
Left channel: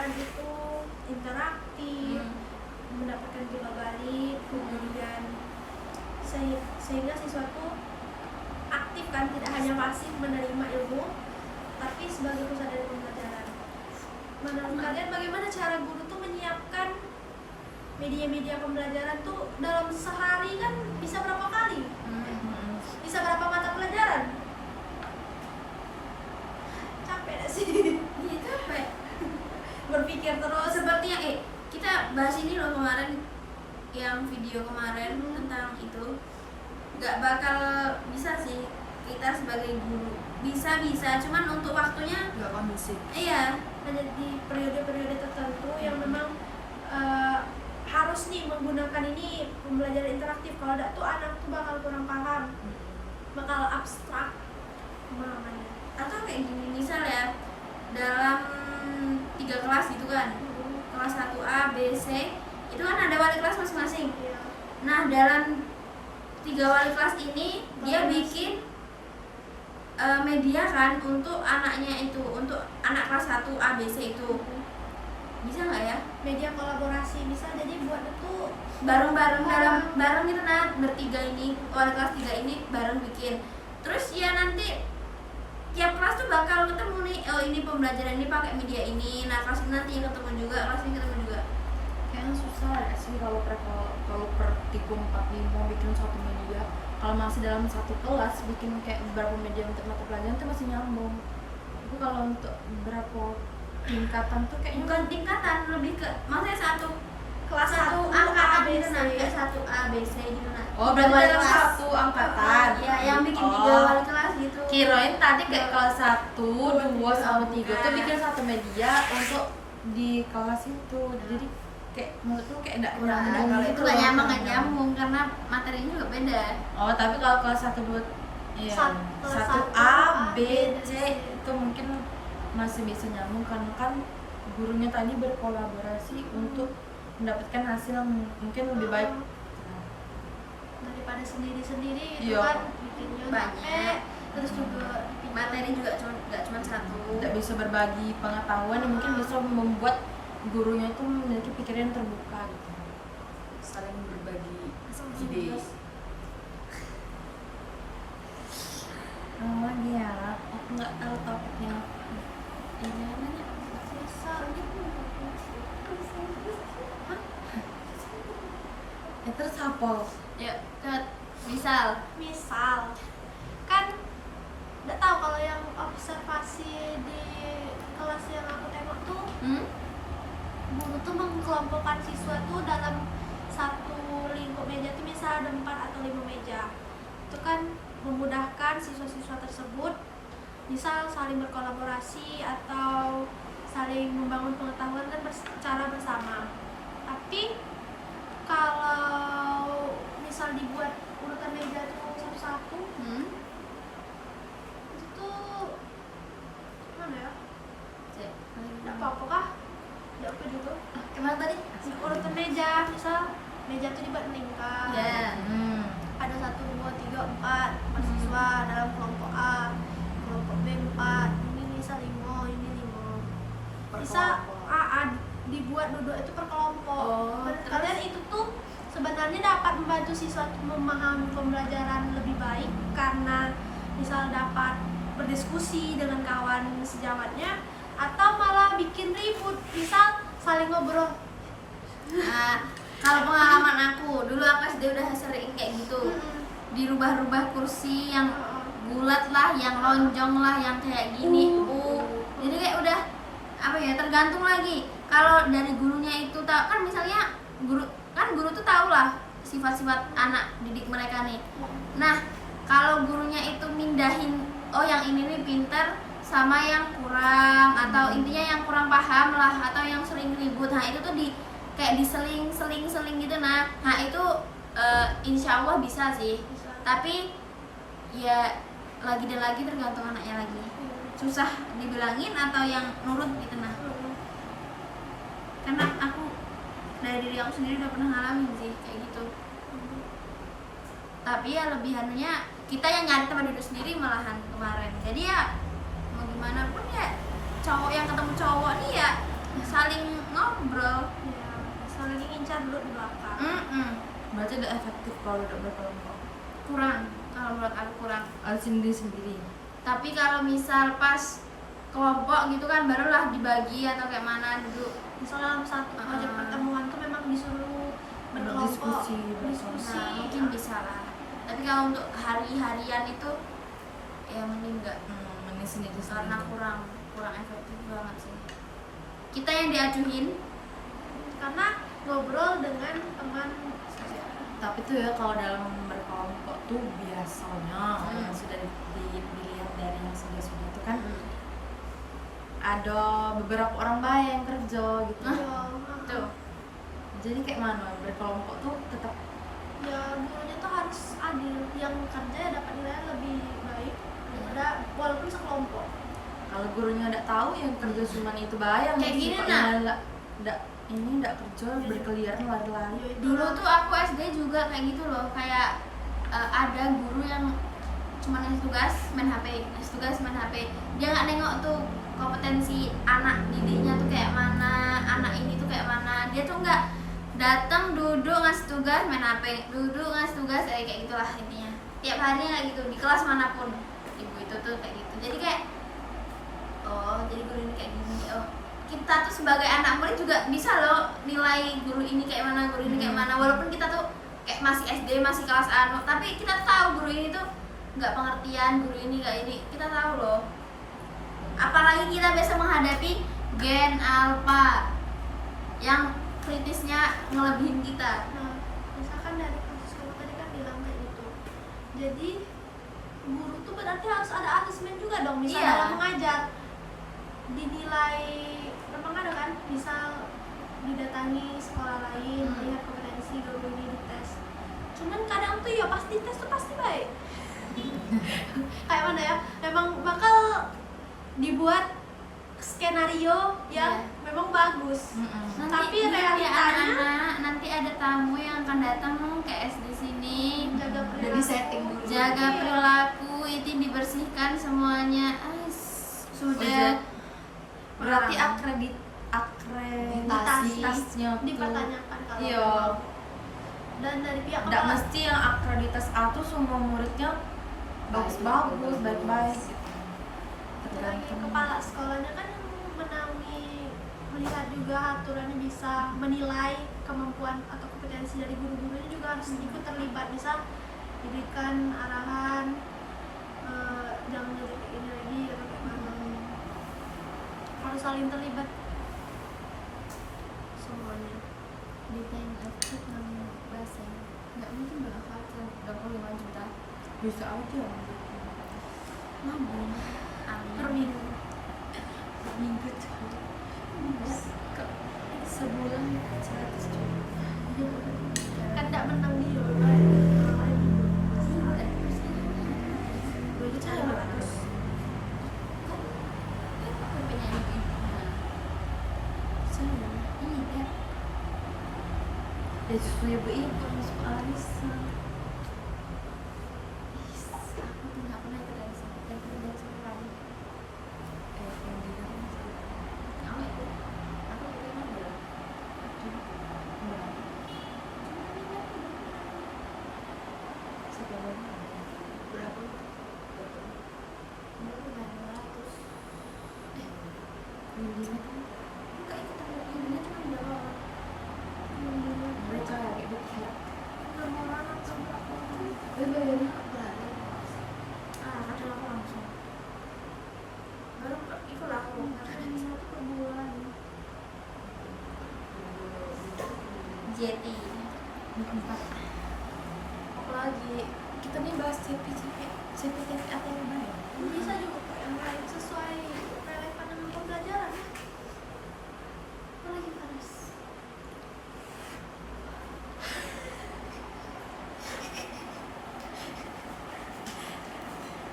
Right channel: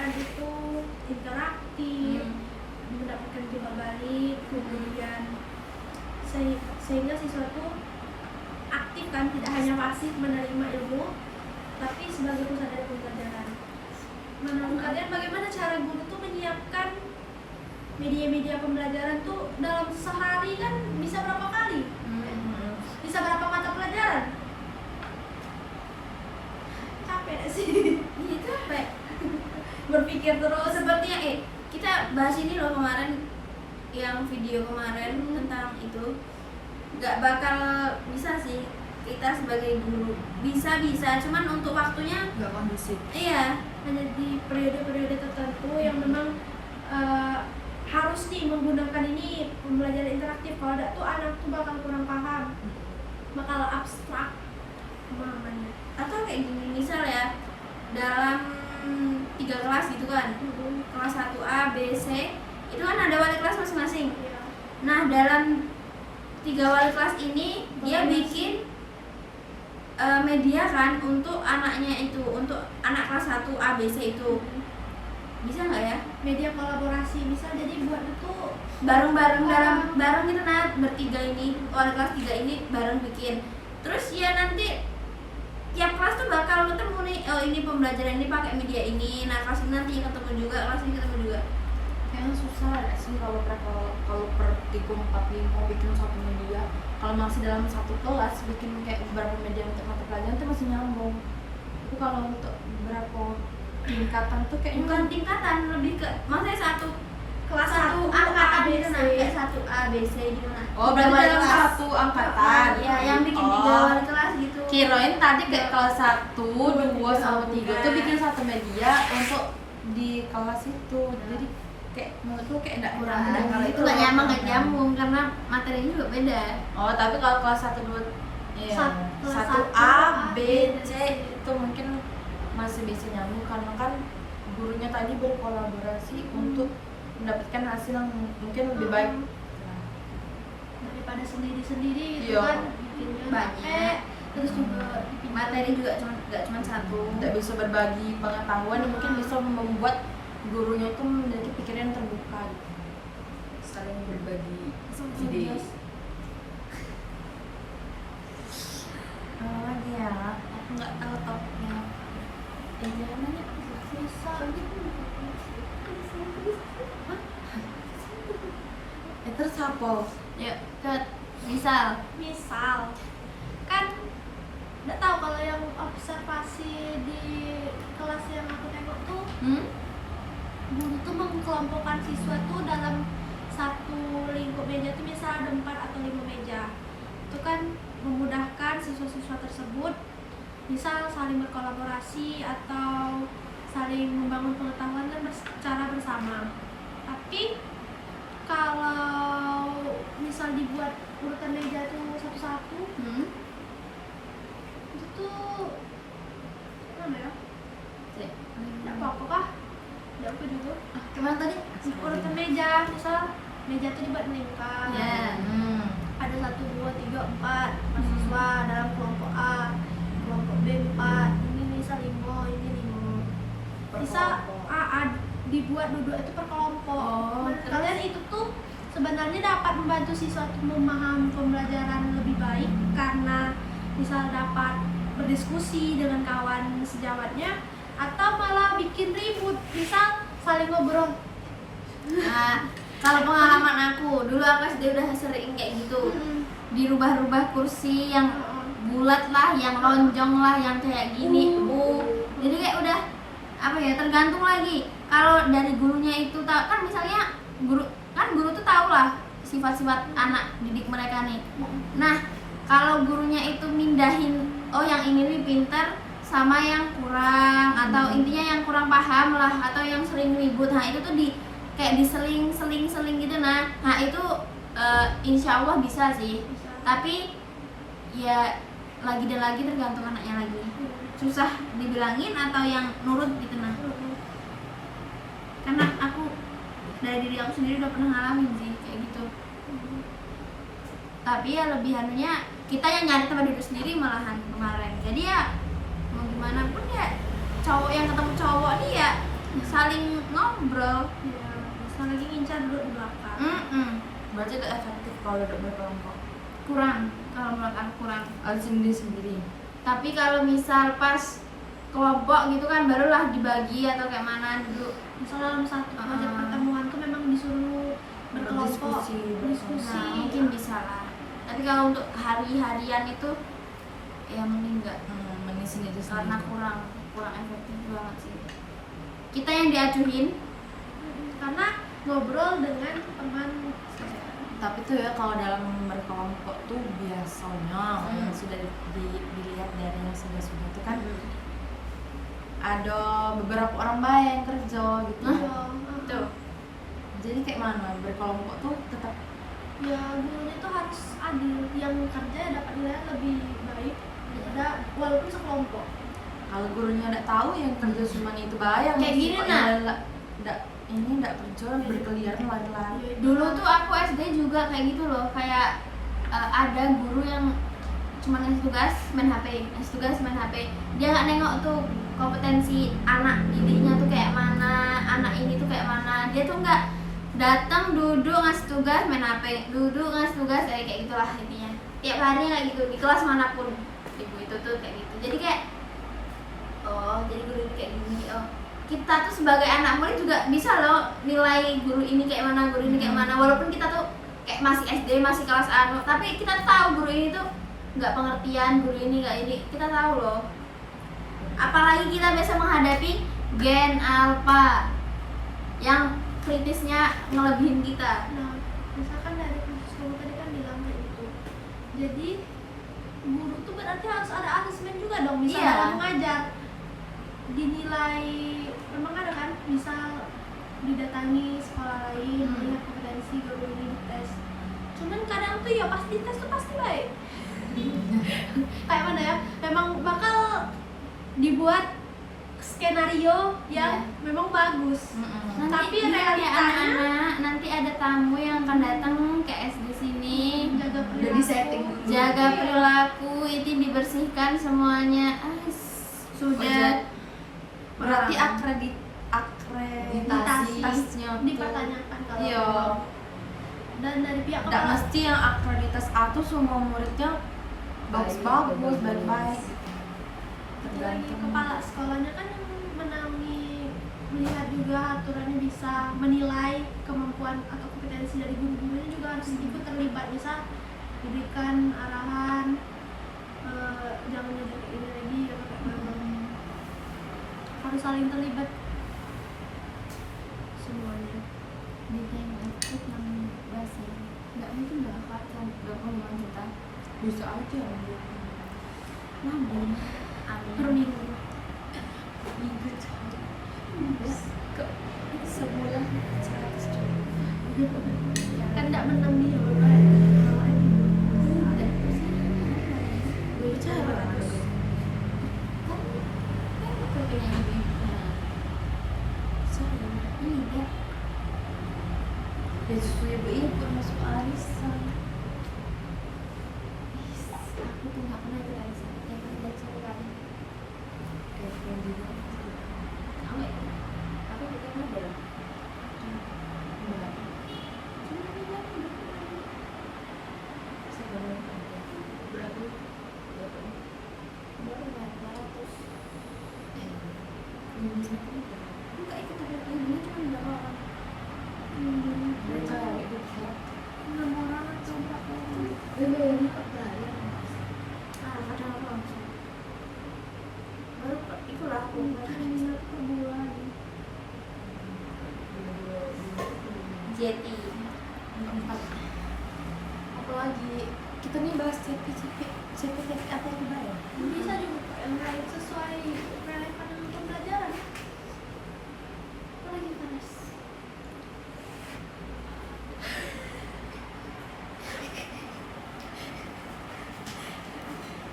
pembelajaran itu interaktif, mendapatkan timbal balik, kemudian sehingga siswa itu aktif kan, tidak hanya pasif menerima ilmu, tapi sebagai pusat dari pembelajaran. Menurut kalian bagaimana cara guru tuh menyiapkan media-media pembelajaran tuh dalam sehari kan bisa berapa kali? Bisa berapa mata pelajaran? Capek gak sih? Iya capek. Berpikir terus. Sepertinya kita bahas ini loh kemarin, yang video kemarin tentang itu, nggak bakal bisa sih kita sebagai guru. Bisa, cuman untuk waktunya Nggak kondusif. iya. Hanya di periode-periode tertentu yang memang harus nih menggunakan ini pembelajaran interaktif. Kalau tidak tuh anak tuh bakal kurang paham, bakal abstrak pemahamannya. Atau kayak gini, misal ya, dalam 3 kelas gitu kan, kelas 1A, B, C, itu kan ada wali kelas masing-masing. Iya. Nah, dalam 3 wali kelas ini dia bikin media kan untuk anaknya itu, untuk anak kelas 1 A, B, C itu. Bisa nggak ya? Media kolaborasi bisa jadi buat itu Bareng-bareng bareng gitu, nah, bertiga ini, wali kelas 3 ini bareng bikin. Terus ya nanti tiap kelas tuh bakal ketemu nih, oh ini pembelajaran ini pakai media ini, nah kelas ini nanti ketemu juga, kelas ini ketemu juga. Kayaknya susah ya sih kalau per tikum 45 bikin satu media. Kalau masih dalam satu kelas bikin kayak beberapa media untuk mata pelajaran itu masih nyambung. Itu kalau untuk beberapa tingkatan tuh kayak Bukan tingkatan, lebih ke maksudnya satu kelas 1 angkatan gitu, nah kayak 1A, B, C gitu, nah. oh berarti Wali dalam kelas. satu angkatan. Ya, yang bikin 3 wali kelas gitu. Kirain tadi kayak kelas 1, 2 sama 3 Bukan. tuh bikin satu media untuk di kelas itu. Jadi kayak menurutku kayak enggak Kurang, kurang kalau itu nggak nyambung karena materinya juga beda. Oh, tapi kalau kelas 1, 2 iya, Kelas 1 1 A, B, dan C C. itu mungkin masih bisa nyambung karena kan gurunya tadi berkolaborasi untuk mendapatkan hasil yang mungkin lebih baik. daripada sendiri-sendiri gitu Iya. kan, bikinnya Banyak. capek, terus juga Materi juga nggak cuma satu. Tidak bisa berbagi pengetahuan yang mungkin bisa membuat gurunya itu memiliki pikiran yang terbuka gitu. Saling berbagi langsung ide. terus. Lagi ya, aku nggak tahu topiknya. Jangan nanya. Bisa Terus apa? Yuk, cepet. Misal, misal kan nggak tahu kalau yang observasi di kelas yang aku tengok tuh guru tuh mengkelompokkan siswa tuh dalam satu lingkup meja tuh misal ada 4 atau 5 meja. Itu kan memudahkan siswa-siswa tersebut misal saling berkolaborasi atau saling membangun pengetahuan kan secara bersama. Tapi kalau misal dibuat urutan meja tuh satu-satu, itu tuh mana ya? Tidak apa-apa kah? Tidak apa juga. Kemana tadi? Urutan meja, misal meja tuh dibuat melingkar. ya. Ada 1, 2, 3, 4 siswa dalam kelompok A, kelompok B 4, ini misal 5, ini 5. Bisa dibuat duduk itu per kelompok. Oh, Menurut kalian itu tuh sebenarnya dapat membantu siswa itu memahami pembelajaran lebih baik karena misal dapat berdiskusi dengan kawan sejawatnya, atau malah bikin ribut, misal saling ngobrol. Nah, kalau pengalaman aku, dulu aku SD udah sering kayak gitu. Dirubah-rubah kursi yang bulat lah, yang lonjong lah, yang kayak gini. Jadi kayak udah apa ya, tergantung lagi. Kalau dari gurunya itu tahu kan, misalnya guru tuh tahu lah sifat-sifat anak didik mereka nih. Nah, kalau gurunya itu mindahin, oh yang ini nih pinter sama yang kurang, atau intinya yang kurang paham lah, atau yang sering ribut, nah itu tuh kayak diseling gitu. Nah itu insya Allah bisa sih, tapi ya lagi dan lagi tergantung anaknya lagi. Susah dibilangin atau yang nurut gitu. Nah, karena aku dari diri aku sendiri udah pernah ngalamin sih kayak gitu. Tapi ya lebih anunya kita yang nyari tempat duduk sendiri malahan kemarin. Jadi ya mau gimana pun ya, cowok yang ketemu cowok nih ya saling ngobrol. Ya, saling ngincar dulu di belakang. Berarti udah efektif kalau udah berkelompok. Kurang, kalau menurut aku kurang. Harus sendiri-sendiri. Tapi kalau misal pas kelompok gitu kan barulah dibagi atau kayak mana duduk. Misalnya dalam satu proyek pertemuan tuh memang disuruh berkelompok, Berdiskusi, Nah, mungkin bisa lah. Tapi kalau untuk hari-harian itu ya mending enggak, Mending sendiri karena kurang efektif banget sih. Kita yang diacuhin. karena ngobrol dengan teman. Tapi tuh ya kalau dalam berkelompok tuh biasanya yang sudah dilihat dari yang sudah itu kan ada beberapa orang baik yang kerja gitu. Tuh. Ya, Jadi kayak mana berkelompok tuh tetap ya gurunya tuh harus adil, yang kerja ya dapat nilai lebih baik daripada walaupun sekelompok. kalau gurunya udah tahu yang kerja cuma itu bayang Kayak gini, Nak. nggak kerja berkeliaran lari-lari. Dulu tuh aku SD juga kayak gitu loh, kayak ada guru yang cuma ngasih tugas main HP, dia nggak nengok tuh kompetensi anak didiknya tuh kayak mana, anak ini tuh kayak mana. Dia tuh nggak datang duduk ngasih tugas main HP, duduk ngasih tugas kayak gitulah intinya. Tiap harinya kayak gitu di kelas manapun ibu itu tuh kayak gitu. Jadi kayak oh jadi guru ini kayak gini, oh kita tuh sebagai anak murid juga bisa loh nilai guru ini kayak mana, guru ini kayak mana, walaupun kita tuh kayak masih SD, masih kelas anu, tapi kita tuh tahu guru ini tuh nggak pengertian, guru ini nggak ini, kita tahu loh. Apalagi kita bisa menghadapi gen alpha yang kritisnya ngelebihin kita. Nah, misalkan dari kasus kamu tadi kan bilang kayak gitu. Jadi guru tuh berarti harus ada asesmen juga dong, misalnya Iya. kamu ngajar dinilai, memang ada kan, misal didatangi sekolah lain, lihat kompetensi guru ini dites. Cuman kadang tuh ya pas dites tuh pasti baik. Kayak mana ya? Memang bakal dibuat skenario yang memang bagus. Nanti Tapi ya realitanya anak-anak, nanti ada tamu yang akan datang ke SD sini. jaga Udah perilaku. di-setting. Jaga perilaku, itu dibersihkan semuanya. Sudah Berarti Parah. akreditasinya tuh dipertanyakan kalau iya. memang. Dan dari pihak Nggak kepala mesti yang akreditas A tuh semua muridnya bagus-bagus, baik-baik. lagi kepala sekolahnya kan yang menaungi, melihat juga aturannya, bisa menilai kemampuan atau kompetensi dari guru-gurunya juga harus ikut terlibat, bisa diberikan arahan, jangan ngajar kayak ini lagi atau kayak mana. Harus saling terlibat semuanya. ditengok tentang bahasa. Nggak mungkin dong aku akan 25 juta. Bisa aja. Namun Per minggu. Minggu cahaya. Kok Sebulan 100 juta. Kan tidak menang dia beberapa Dulu cahaya bagus. kan aku punya ibu-ibu. Nah, Cahaya. iya. Ya justru ibu masuk arisan. Aku tuh nggak pernah ikut arisan, tapi udah satu kali. Kamu ikut? Aku ikut aja lah. Cuma bilang berapa? Baru bayar 200. Enggak ikut, tapi ini cuma berapa orang? 6 orang atau berapa orang? Bayarnya kok per hari? Kadang aku langsung. Baru ikutlah aku. per bulan. Jeti. 4. Apalagi kita nih bahas sertifikat apa yang dibayar? Bisa juga kok yang lain sesuai relevan dengan pembelajaran. Apalagi Panas.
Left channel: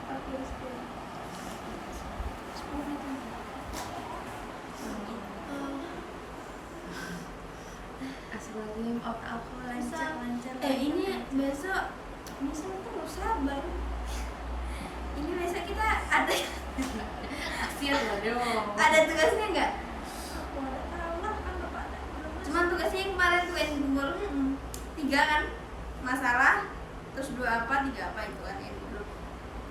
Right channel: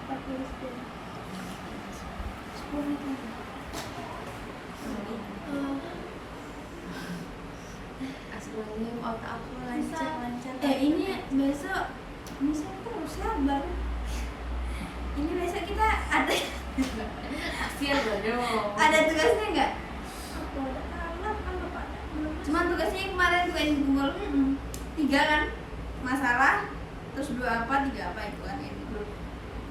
Pakai respon. 10 menit lagi. Aslinya otak aku Bisa. lancar. Ini besok kita harus sabar. Ini besok kita ada Siap lah dong. ada tugasnya nggak? Aku ada yang kemarin tuh yang dikumpul 3 kan masalah, terus 2 apa 3 apa itu kan yang di grup.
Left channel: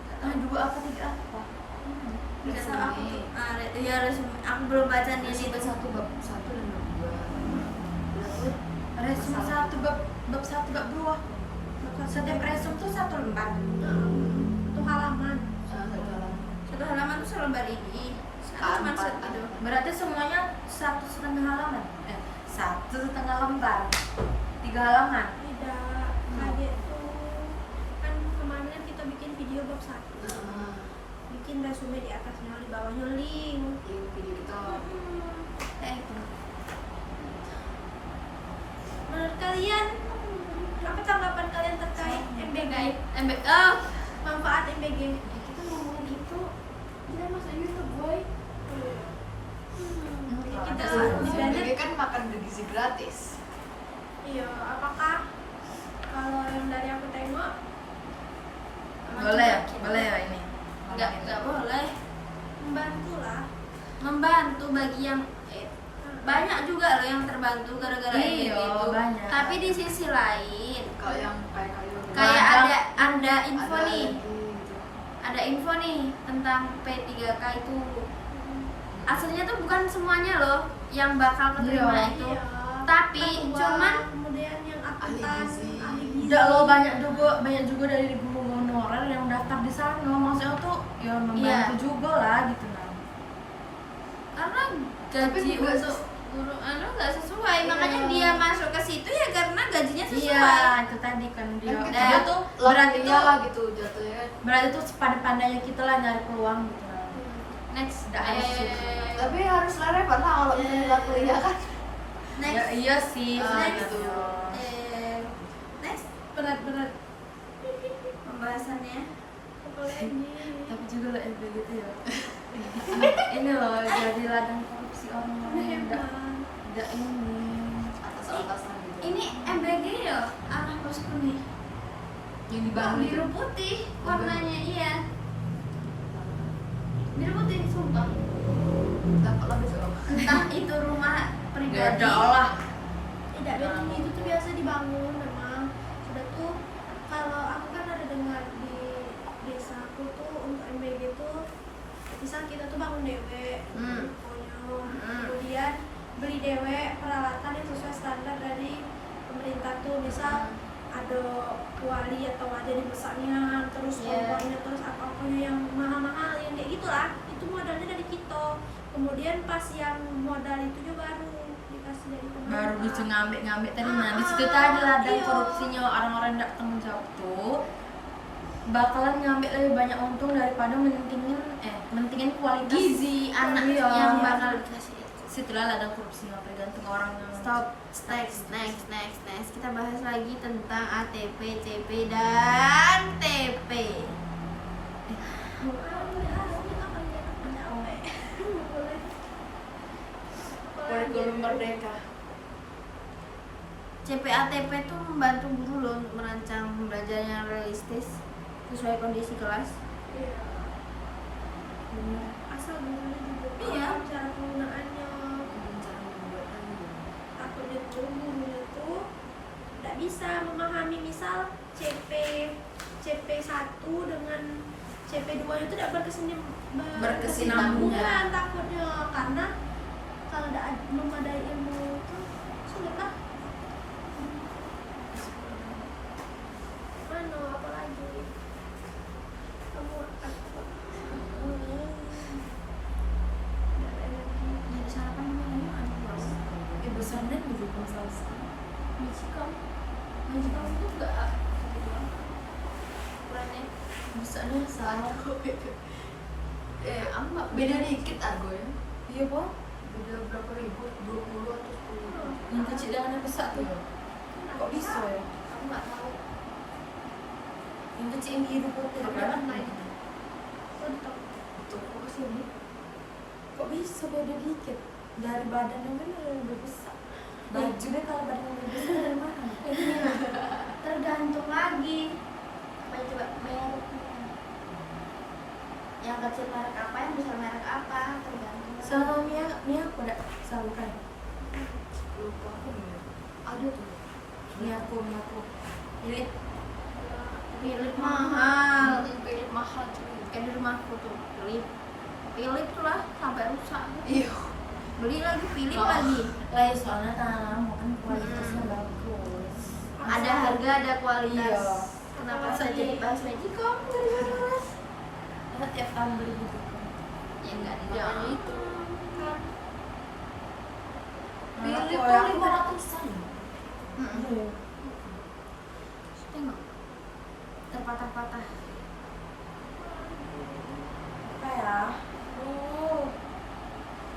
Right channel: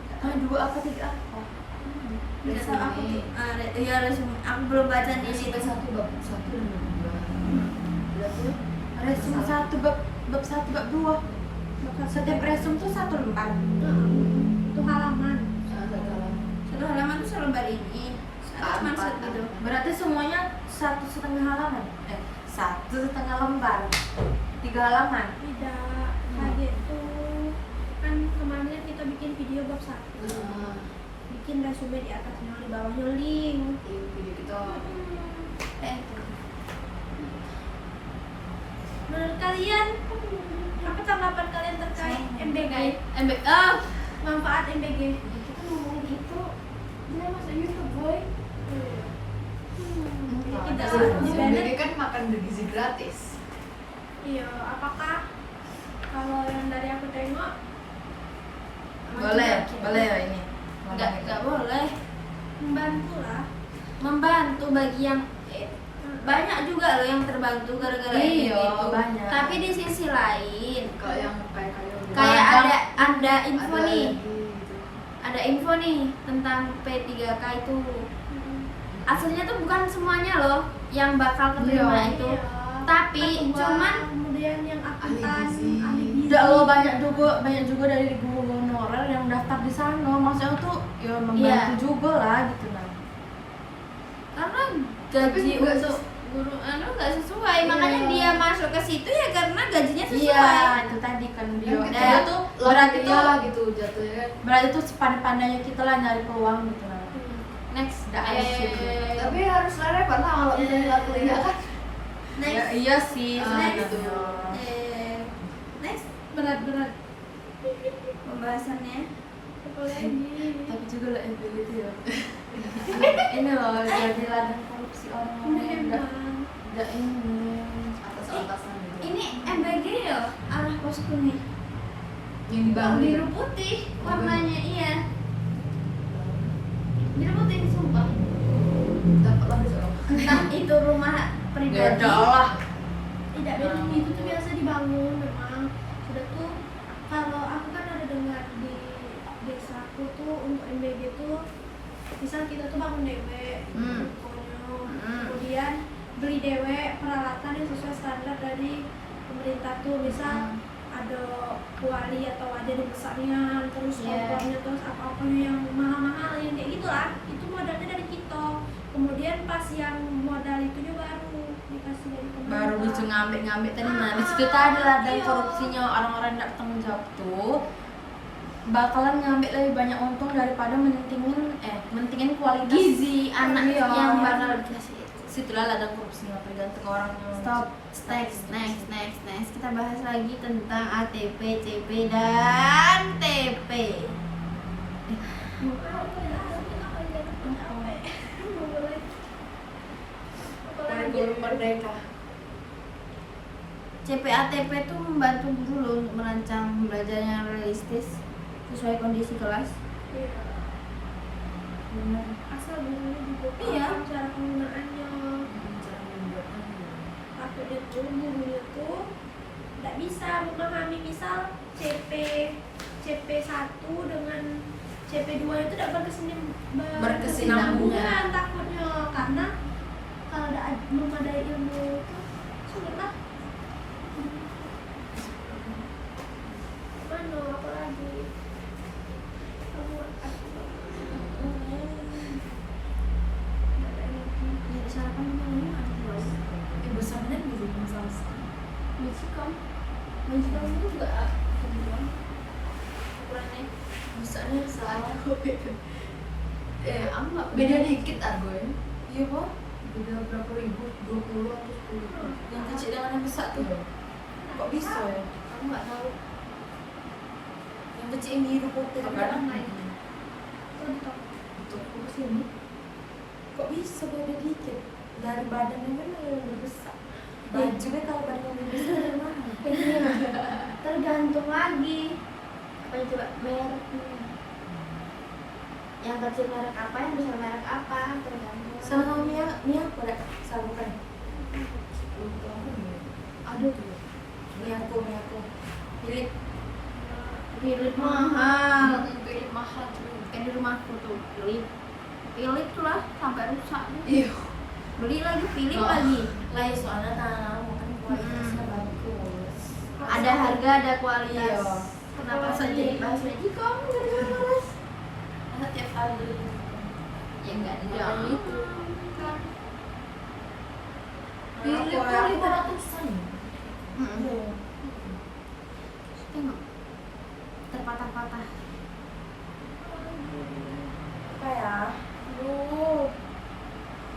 Nggak tahu. 2 apa 3 apa? Nggak tahu aku tuh ya resume aku belum baca di Resume situ. 1 bab 1 dan bab 2. Lihat tuh Resume 1 bab 1 bab 2. Setiap resume tuh 1 lembar. Itu halaman. Satu halaman tuh selembar ini. Satu cuma Empat. gitu. Berarti semuanya 1,5 halaman. 1,5 lembar. 3 halaman. Tidak kayak itu kan kemarin kita bikin video bab 1. Bikin resume di atasnya, di bawahnya link. Video kita Menurut kalian apa tanggapan kalian terkait MBG? Manfaat MBG? Ya, kita ngomongin itu kita masuk YouTube boy. Kita MBG kan makan bergizi gratis. Iya, apakah kalau yang dari aku tengok Boleh ya ini. Nggak boleh. membantu lah. Membantu bagi yang banyak juga loh yang terbantu gara-gara MBG Iya, itu. banyak. Tapi di sisi lain Kalau yang kayak Nah, ada info ada nih. lagi gitu. Ada info nih tentang P3K itu. Aslinya tuh bukan semuanya loh yang bakal keterima Iya. itu. Iya. Tapi Ketua, cuman kemudian yang akuntan, Ahli gizi. ahli gizi. Enggak lo banyak juga dari guru honorer yang daftar di sana. Maksudnya tuh ya membantu Iya. juga lah gitu nah. karena gaji juga untuk guru nggak sesuai, Iya. makanya dia masuk ke situ ya karena gajinya sesuai. Iya, itu tadi kan dia. Kan Nah, Dia tuh berarti tuh gitu jatuhnya. berarti tuh sepandai-pandainya kita lah nyari peluang gitu nah. Next, Nggak harus gitu. Tapi harus relevan lah kalau misalnya nggak kuliah kan. next, Ya, iya sih. next, gitu. next Berat-berat. pembahasannya. Apa lagi? Tapi juga lah itu gitu ya. Ini loh jadi ladang korupsi orang-orang yang Memang. tidak ini. Atas-atasan gitu. Ini MBG ya, arah posku nih. yang dibangun Biru putih warnanya, iya. Biru putih sumpah. dapat lagi seorang. Entah itu rumah pribadi. Beda lah. Tidak dari itu tuh biasa dibangun memang. Sudah tuh kalau aku kan ada dengar di desaku tuh untuk MBG tuh misal kita tuh bangun dewe, pokoknya kemudian beli dewe peralatan yang sesuai standar dari pemerintah tuh misal ada kuali atau wajan yang besarnya, terus Iya. kompornya, terus apa-apa yang mahal-mahal yang kayak gitulah, itu modalnya dari kita. Kemudian pas yang modal itu juga baru dikasih dari pemerintah. Baru bisa ngambil tadi nah di situ tadi lah dan Iya. korupsinya orang-orang yang tidak bertanggung jawab tuh bakalan ngambil lebih banyak untung daripada mentingin kualitas Gizi anak Iya. yang bakal dikasih itu. Situlah ladang korupsinya tergantung orang yang Stop, next. Kita bahas lagi tentang ATP, CP, dan TP. Kurikulum merdeka. CP ATP itu membantu guru loh untuk merancang pembelajaran yang realistis sesuai kondisi kelas. Asal gurunya juga Iya. paham cara penggunaannya. Cara membuatnya gitu. Takutnya tuh gurunya tuh tidak bisa memahami misal CP1 dengan CP2 itu tidak berkesinambungan takutnya, karena kalau tidak memadai ilmu itu sulit lah. Mana apa lagi? Kamu Jadi sarapan di mana ini ada jauh. besarnya gitu misalnya Magicom itu juga kebutuhan ukurannya. besarnya Salah. Aku nggak Beda dikit argo ya. iya kok Beda berapa ribu? 20 atau 10. yang kecil dengan yang besar tuh kok bisa ya Aku nggak tahu. yang kecil ini hidup putih Ada kan naik. Untuk Untuk fokus ini. kok bisa beda dikit dari badannya kan yang lebih besar bajunya kalau badan lebih besar dari mana Tergantung lagi apa coba mereknya. Yang kecil merek apa, yang besar merek apa, tergantung. sarungnya apa dah sarung kan 10 tahun ya. Ada tuh. Ini aku. Milik. Philip mahal. Philip mahal cuy. Kayak di rumahku tuh Philip tuh lah sampai rusak. Iya. Beli lagi Philip Oh. lagi. Lah soalnya tangan kamu kan kualitasnya bagus. Ada harga, ada kualitas. Iya. Kenapa saya jadi bahas Magicom? Aku tiap kali beli gitu. Ya enggak Jangan dong. itu. Nah, Philip aku tuh 500-an. Mm-mm. Tengok terpatah-patah. apa ya? Aduh.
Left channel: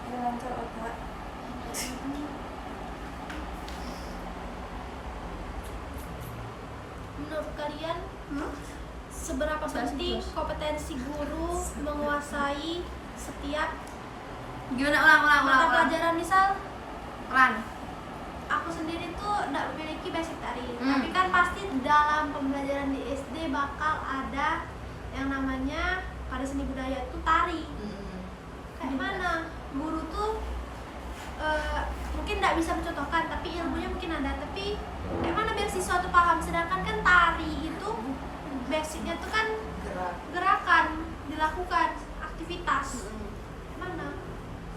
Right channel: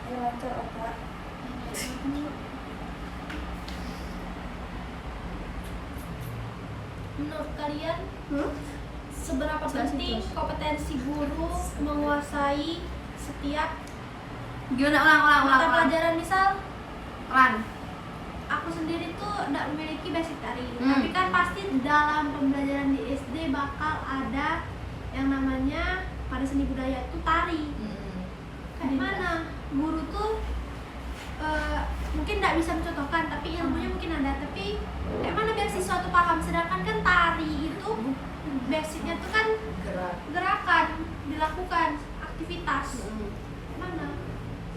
Ya lancar otak. Menurut kalian Hmm? seberapa Jelas, penting jelas. kompetensi guru menguasai setiap Gimana ulang. mata pelajaran? Misal Ulang. aku sendiri tuh tidak memiliki basic tari, Hmm. tapi kan pasti dalam pembelajaran di SD bakal ada yang namanya pada seni budaya itu tari. Kayak mana guru tuh mungkin tidak bisa mencontohkan, tapi ilmunya mungkin ada, tapi kayak mana biar siswa tuh paham, sedangkan kan tari itu basicnya tuh kan Gerak. gerakan dilakukan, aktivitas. Mana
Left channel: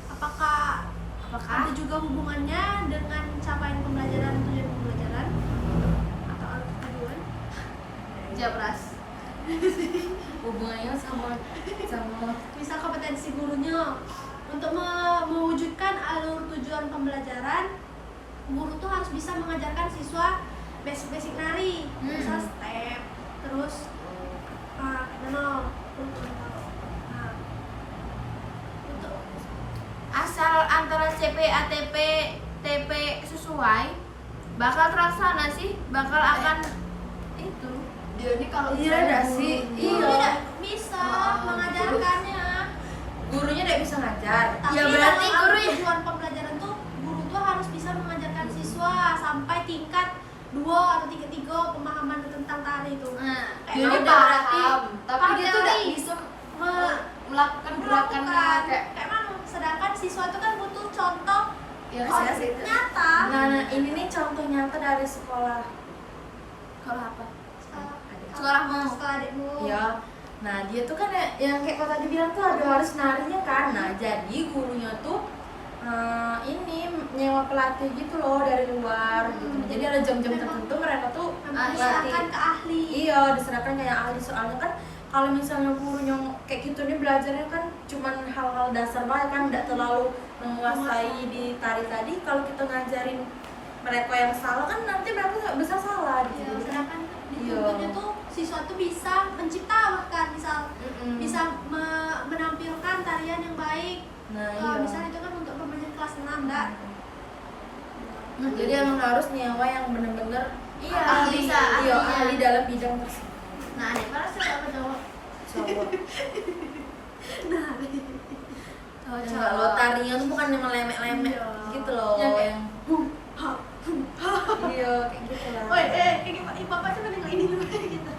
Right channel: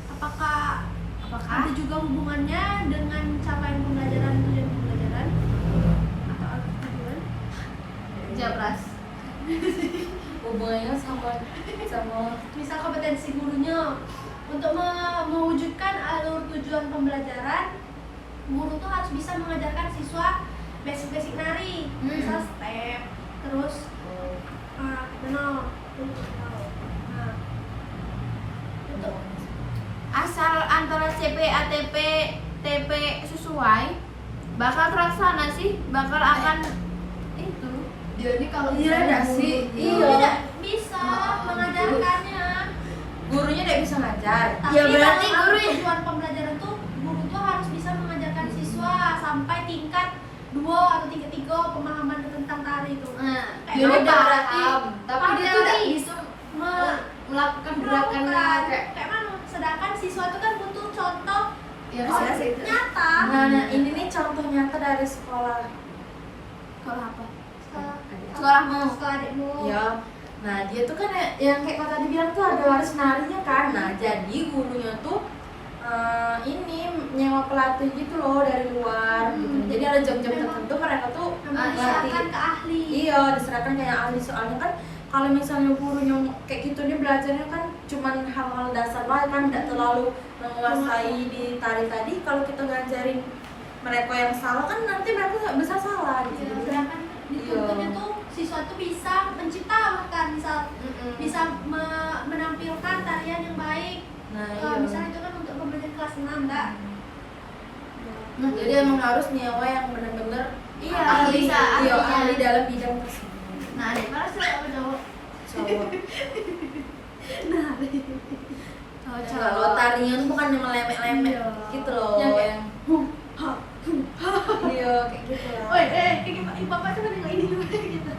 apakah ada juga hubungannya dengan capaian pembelajaran, tujuan pembelajaran atau tujuan? Jabras. Hubungannya sama Misal kompetensi gurunya untuk mewujudkan alur tujuan pembelajaran, guru tuh harus bisa mengajarkan siswa basic-basic nari, misal step, terus kenal, nah untuk Asal antara CP, ATP, TP sesuai, bakal terlaksana sih, bakal akan itu. Dia ini kalau Iya, misalnya nggak guru sih? dia- Iya. tidak bisa mengajarkannya. gurunya tidak bisa ngajar. Tapi Ya, berarti dalam guru- tujuan pembelajaran tuh guru tuh harus bisa mengajarkan siswa sampai tingkat 2 atau tingkat 3 pemahaman tentang tari itu. Nah, Kayak Dia mana? udah paham, tapi Paham dia tuh tidak teori. bisa Me- melakukan gerakannya melakukan kayak mana? Sedangkan siswa itu kan butuh contoh yang Bisa ada sih. nyata. Nah, ini nih contoh nyata dari sekolah. kalau apa? Sekolah- Sekolahmu. sekolah adikmu. Ya. Nah, dia tuh kan yang kayak kata tadi bilang tuh ada waris narinya kan. Nah, jadi gurunya tuh ini nyewa pelatih gitu loh dari luar gitu. Jadi ada jam-jam tertentu mereka tuh Memang iya. diserahkan ke ahli. Iya, diserahkan kayak ahli, soalnya kan kalau misalnya gurunya kayak gitu nih belajarnya kan cuman hal-hal dasar lah kan, tidak terlalu menguasai di tari tadi. Kalau kita ngajarin mereka yang salah kan nanti mereka nggak bisa salah Iya, gitu. sedangkan dituntutnya tuh siswa tuh bisa mencipta, bahkan misal bisa menampilkan tarian yang baik. Nah, Misal itu kan untuk pembelajaran kelas 6, enggak? Nah, jadi emang harus nyewa yang benar-benar Iya, ahli, bisa, iya, ahlinya. ahli dalam bidang tersebut. Nah, adik mana cowok apa cowok? Cowok. Oh, Yang kalau tarinya tuh bukan yang melemek-lemek Iya. gitu loh. Yang kayak, Iya, kayak gitu lah. Woi, kayak bapak coba nengok ini dulu gitu.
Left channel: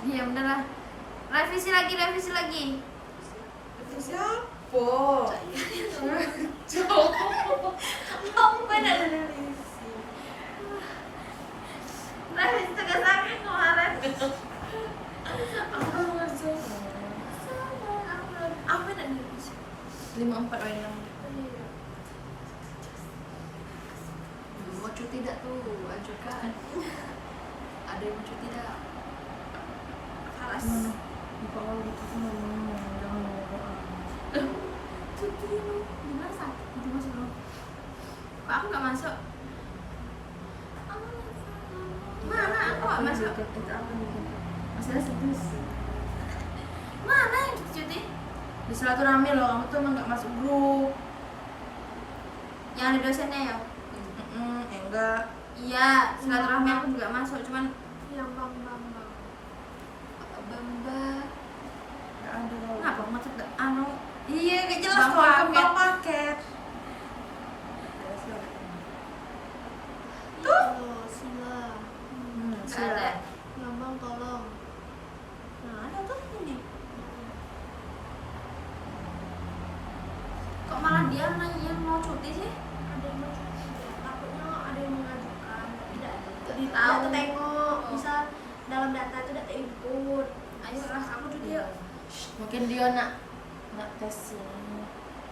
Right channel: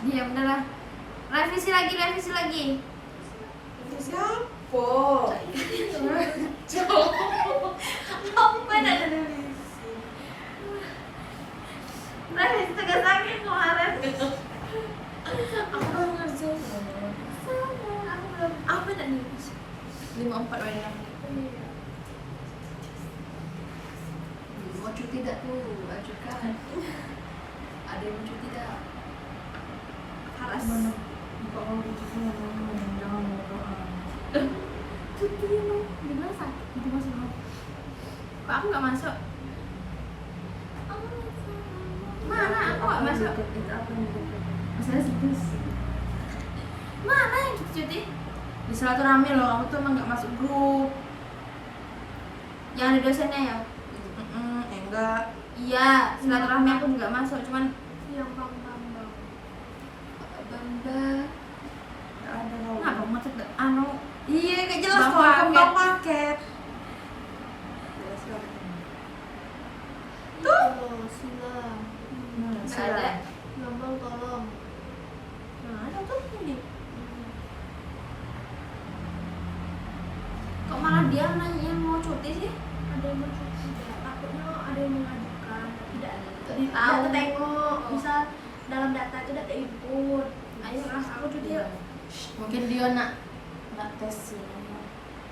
Diam udah lah. Revisi lagi. Siapa? Apa dah? Revisi tegak sakit kemarin. Aku belum ngerjain. Aku dah nih. 54 lagi. mau cuti tidak tuh ajukan. Ada yang mau cuti tidak? Haras. Mana? Buka kalau gitu jangan berdoa. Cuti lu di mana sakit? Itu masuk lo. Kok aku nggak masuk? Mana aku nggak masuk? Itu apa nih? Masalah sih. Mana yang cuti? Di silaturahmi loh, aku tuh emang nggak masuk grup. Yang ada dosennya ya? Enggak. Iya, silaturahmi aku juga masuk, cuman Yang bang. Bamba. Nggak ada loh. kenapa ngecek anu? Iya, kayak jelas Bang kalau paket. bang paket. Jelas loh. Tuh. Sila. Nggak ada. Lambang tolong. Nah, ada tuh ini. Kok malah dia yang mau cuti sih? Ada yang mencuci, takutnya ada yang mengajukan tapi tidak Tahu. tengok, misal dalam data itu tidak input. Ayo lah, aku cuti yuk. Mungkin dia nak tes ini,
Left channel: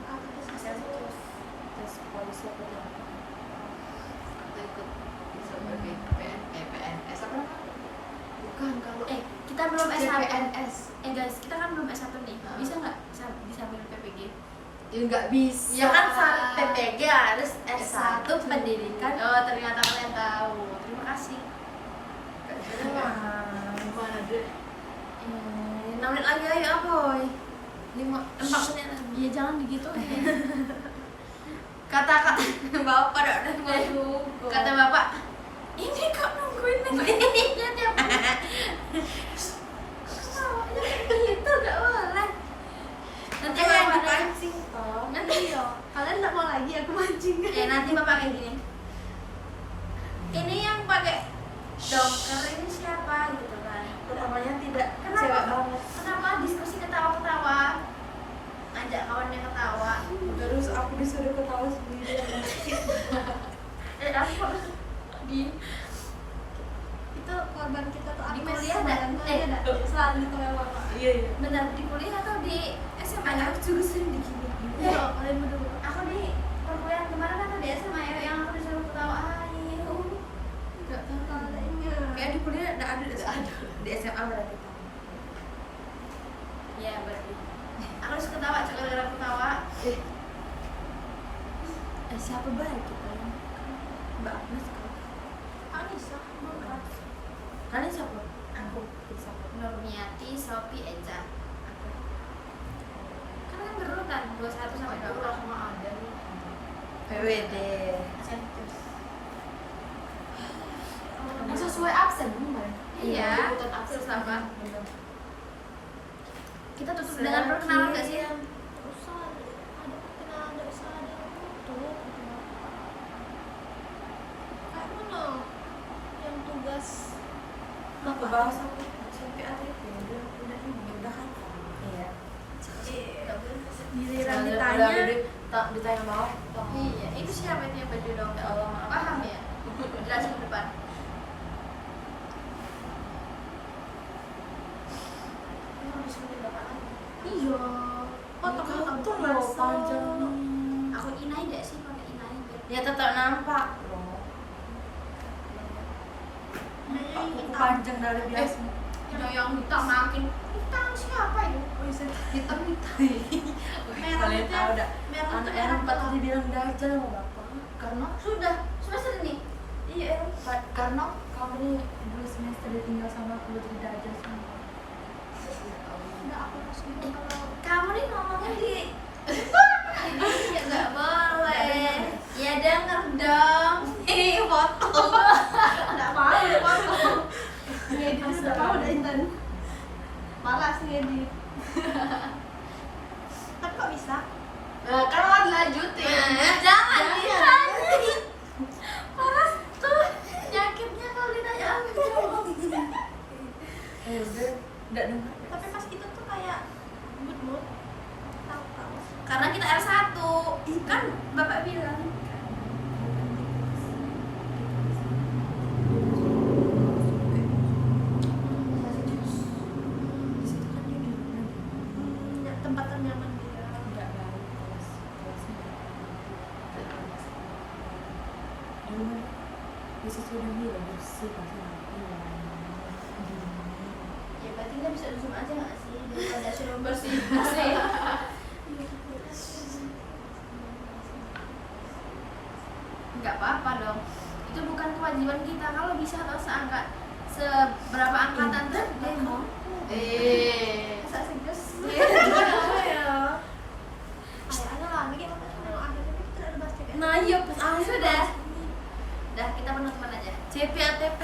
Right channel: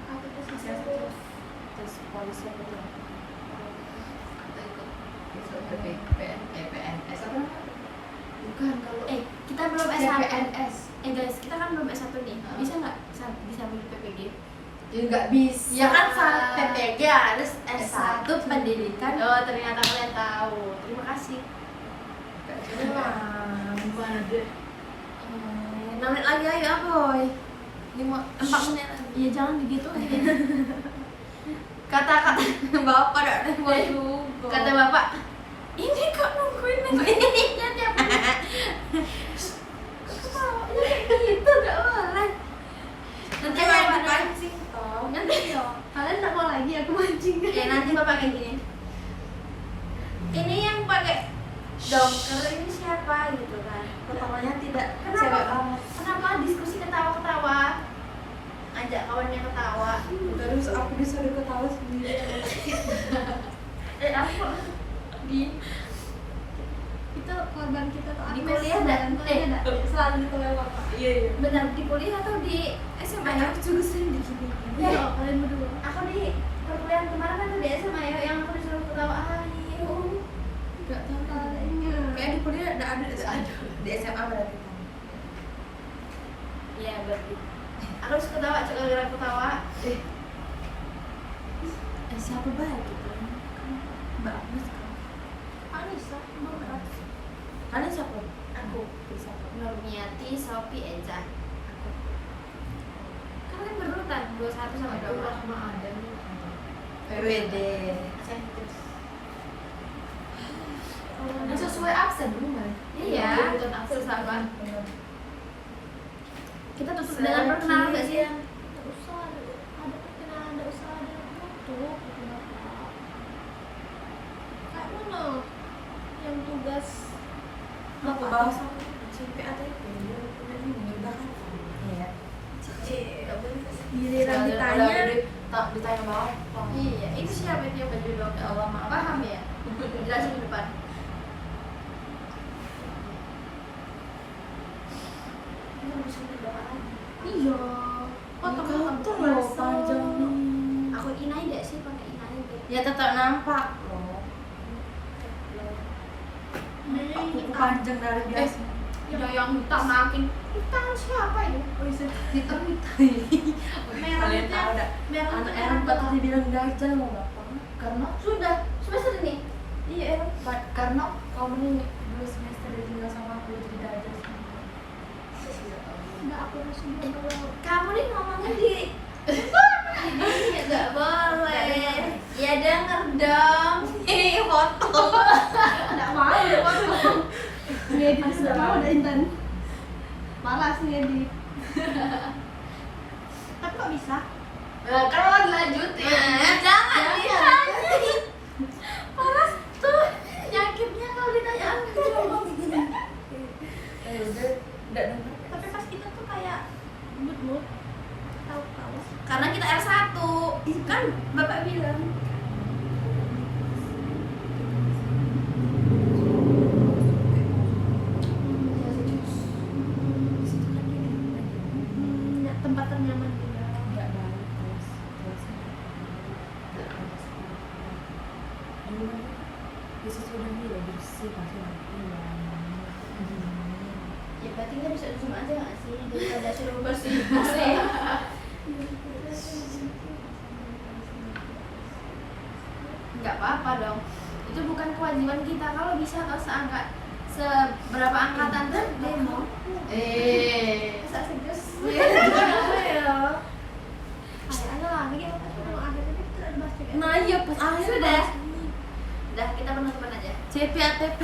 Atau tes tes polisi apa tuh? Atau ikut PNS apa namanya? Bukan kalau Kita belum S1. CPNS. Guys, kita kan belum S1 nih. Bisa nggak disambil PPG? Ya nggak bisa. Ya kan saat PPG harus S1 pendidikan. Oh, ternyata kalian tahu. Terima kasih. Gimana dia? 6 menit lagi ayo boy. 4 menit lagi. Iya, jangan digituin. Kata-kata Bapak ada juga. kata Bapak, ini kok nungguin ini tiap menit. Ketawanya kayak gitu, gak boleh. Nanti Bapak dipancing toh. nanti Kalian tidak mau lagi aku mancing. ya nanti Bapak kayak gini. Ini yang pakai doker ini siapa gitu kan? Pertamanya tidak Kenapa? cewek banget. Kenapa diskusi ketawa-ketawa? Ajak kawannya ketawa. Terus aku disuruh ketawa sendiri. Apa? Di Itu korban kita tuh Di Agnes kuliah sama nggak? Tanya nggak? Selalu ditolong bapak. Iya iya. benar di kuliah atau di SMA ya? Aku juga sering di sini. Iya loh, kalian berdua. Aku di perkuliahan kemarin atau di SMA ya yang aku disuruh ketawa. Ayo. Enggak tahu. Kaliannya. Kayak di kuliah ada di SMA berarti. Ya berarti. Aku harus ketawa, cek gara-gara ketawa. Siapa baik gitu? Mbak Agnes kok. Anissa, empat. Kalian siapa? Aku. Siapa? Nurmiati, Sophie, Enza. Aku. Kan berurutan 21 sampai 24. Sama ada nih. PWD. Terus. Yang sesuai absen bukan? Iya, Urutan absen. terus apa? Bener. Kita tutup dengan perkenalan gak sih? Nggak usah ada perkenalan, nggak usah ada tutup itu bapak. Kayak mana yang tugas Aku bahas sampai ada itu. Dari mudah kan? Iya. Gak boleh. giliran ditanya Tak ditanya bapak. Iya, itu siapa itu yang baju dong? Ya Allah, maaf. Paham ya? Jelasin di depan. Ini mau disuruhin bapak lagi. iya potong-potong Tuh tuh loh panjang. Aku inai enggak sih pakai inai biar Ya tetap nampak loh. Kuku panjang dari jas. ya yang hitam makin hitam siapa itu? Hitam hitam. merah Kalian itu tahu dah. merah itu Anak merah Eropa gelap. tuh dibilang dajal sama bapak. Karena Sudah semester ini. Iya Eropa. karena Kamu nih 2 semester ditinggal sama aku jadi dajal semua. Nggak aku harus bilang kalau Kamu nih ngomongnya di ini nggak boleh. Ya denger dong. Foto. nggak mau udah mau ngedit nggak mau udah Intan malas ngedit tapi kok bisa kan lo lanjut ya. Jangan ditanya. Paras tuh nyakitnya kalau ditanya Udah enggak dengar. tapi pas kita tuh kayak mood tahu karena kita R1 kan bapak bilang tempat ternyaman dia Enggak baik kelasnya. Gimana? Bisa coba dia bersih pasti nanti ya. ya berarti nggak bisa dusum aja nggak sih ada suruh bersih bersih nggak apa-apa dong itu bukan kewajiban kita kalau bisa atau seberapa angkatan tuh demo asal sejus ada lagi yang ada tapi tidak ada basket Nah iya pas sudah kita penutupan aja CP ATP.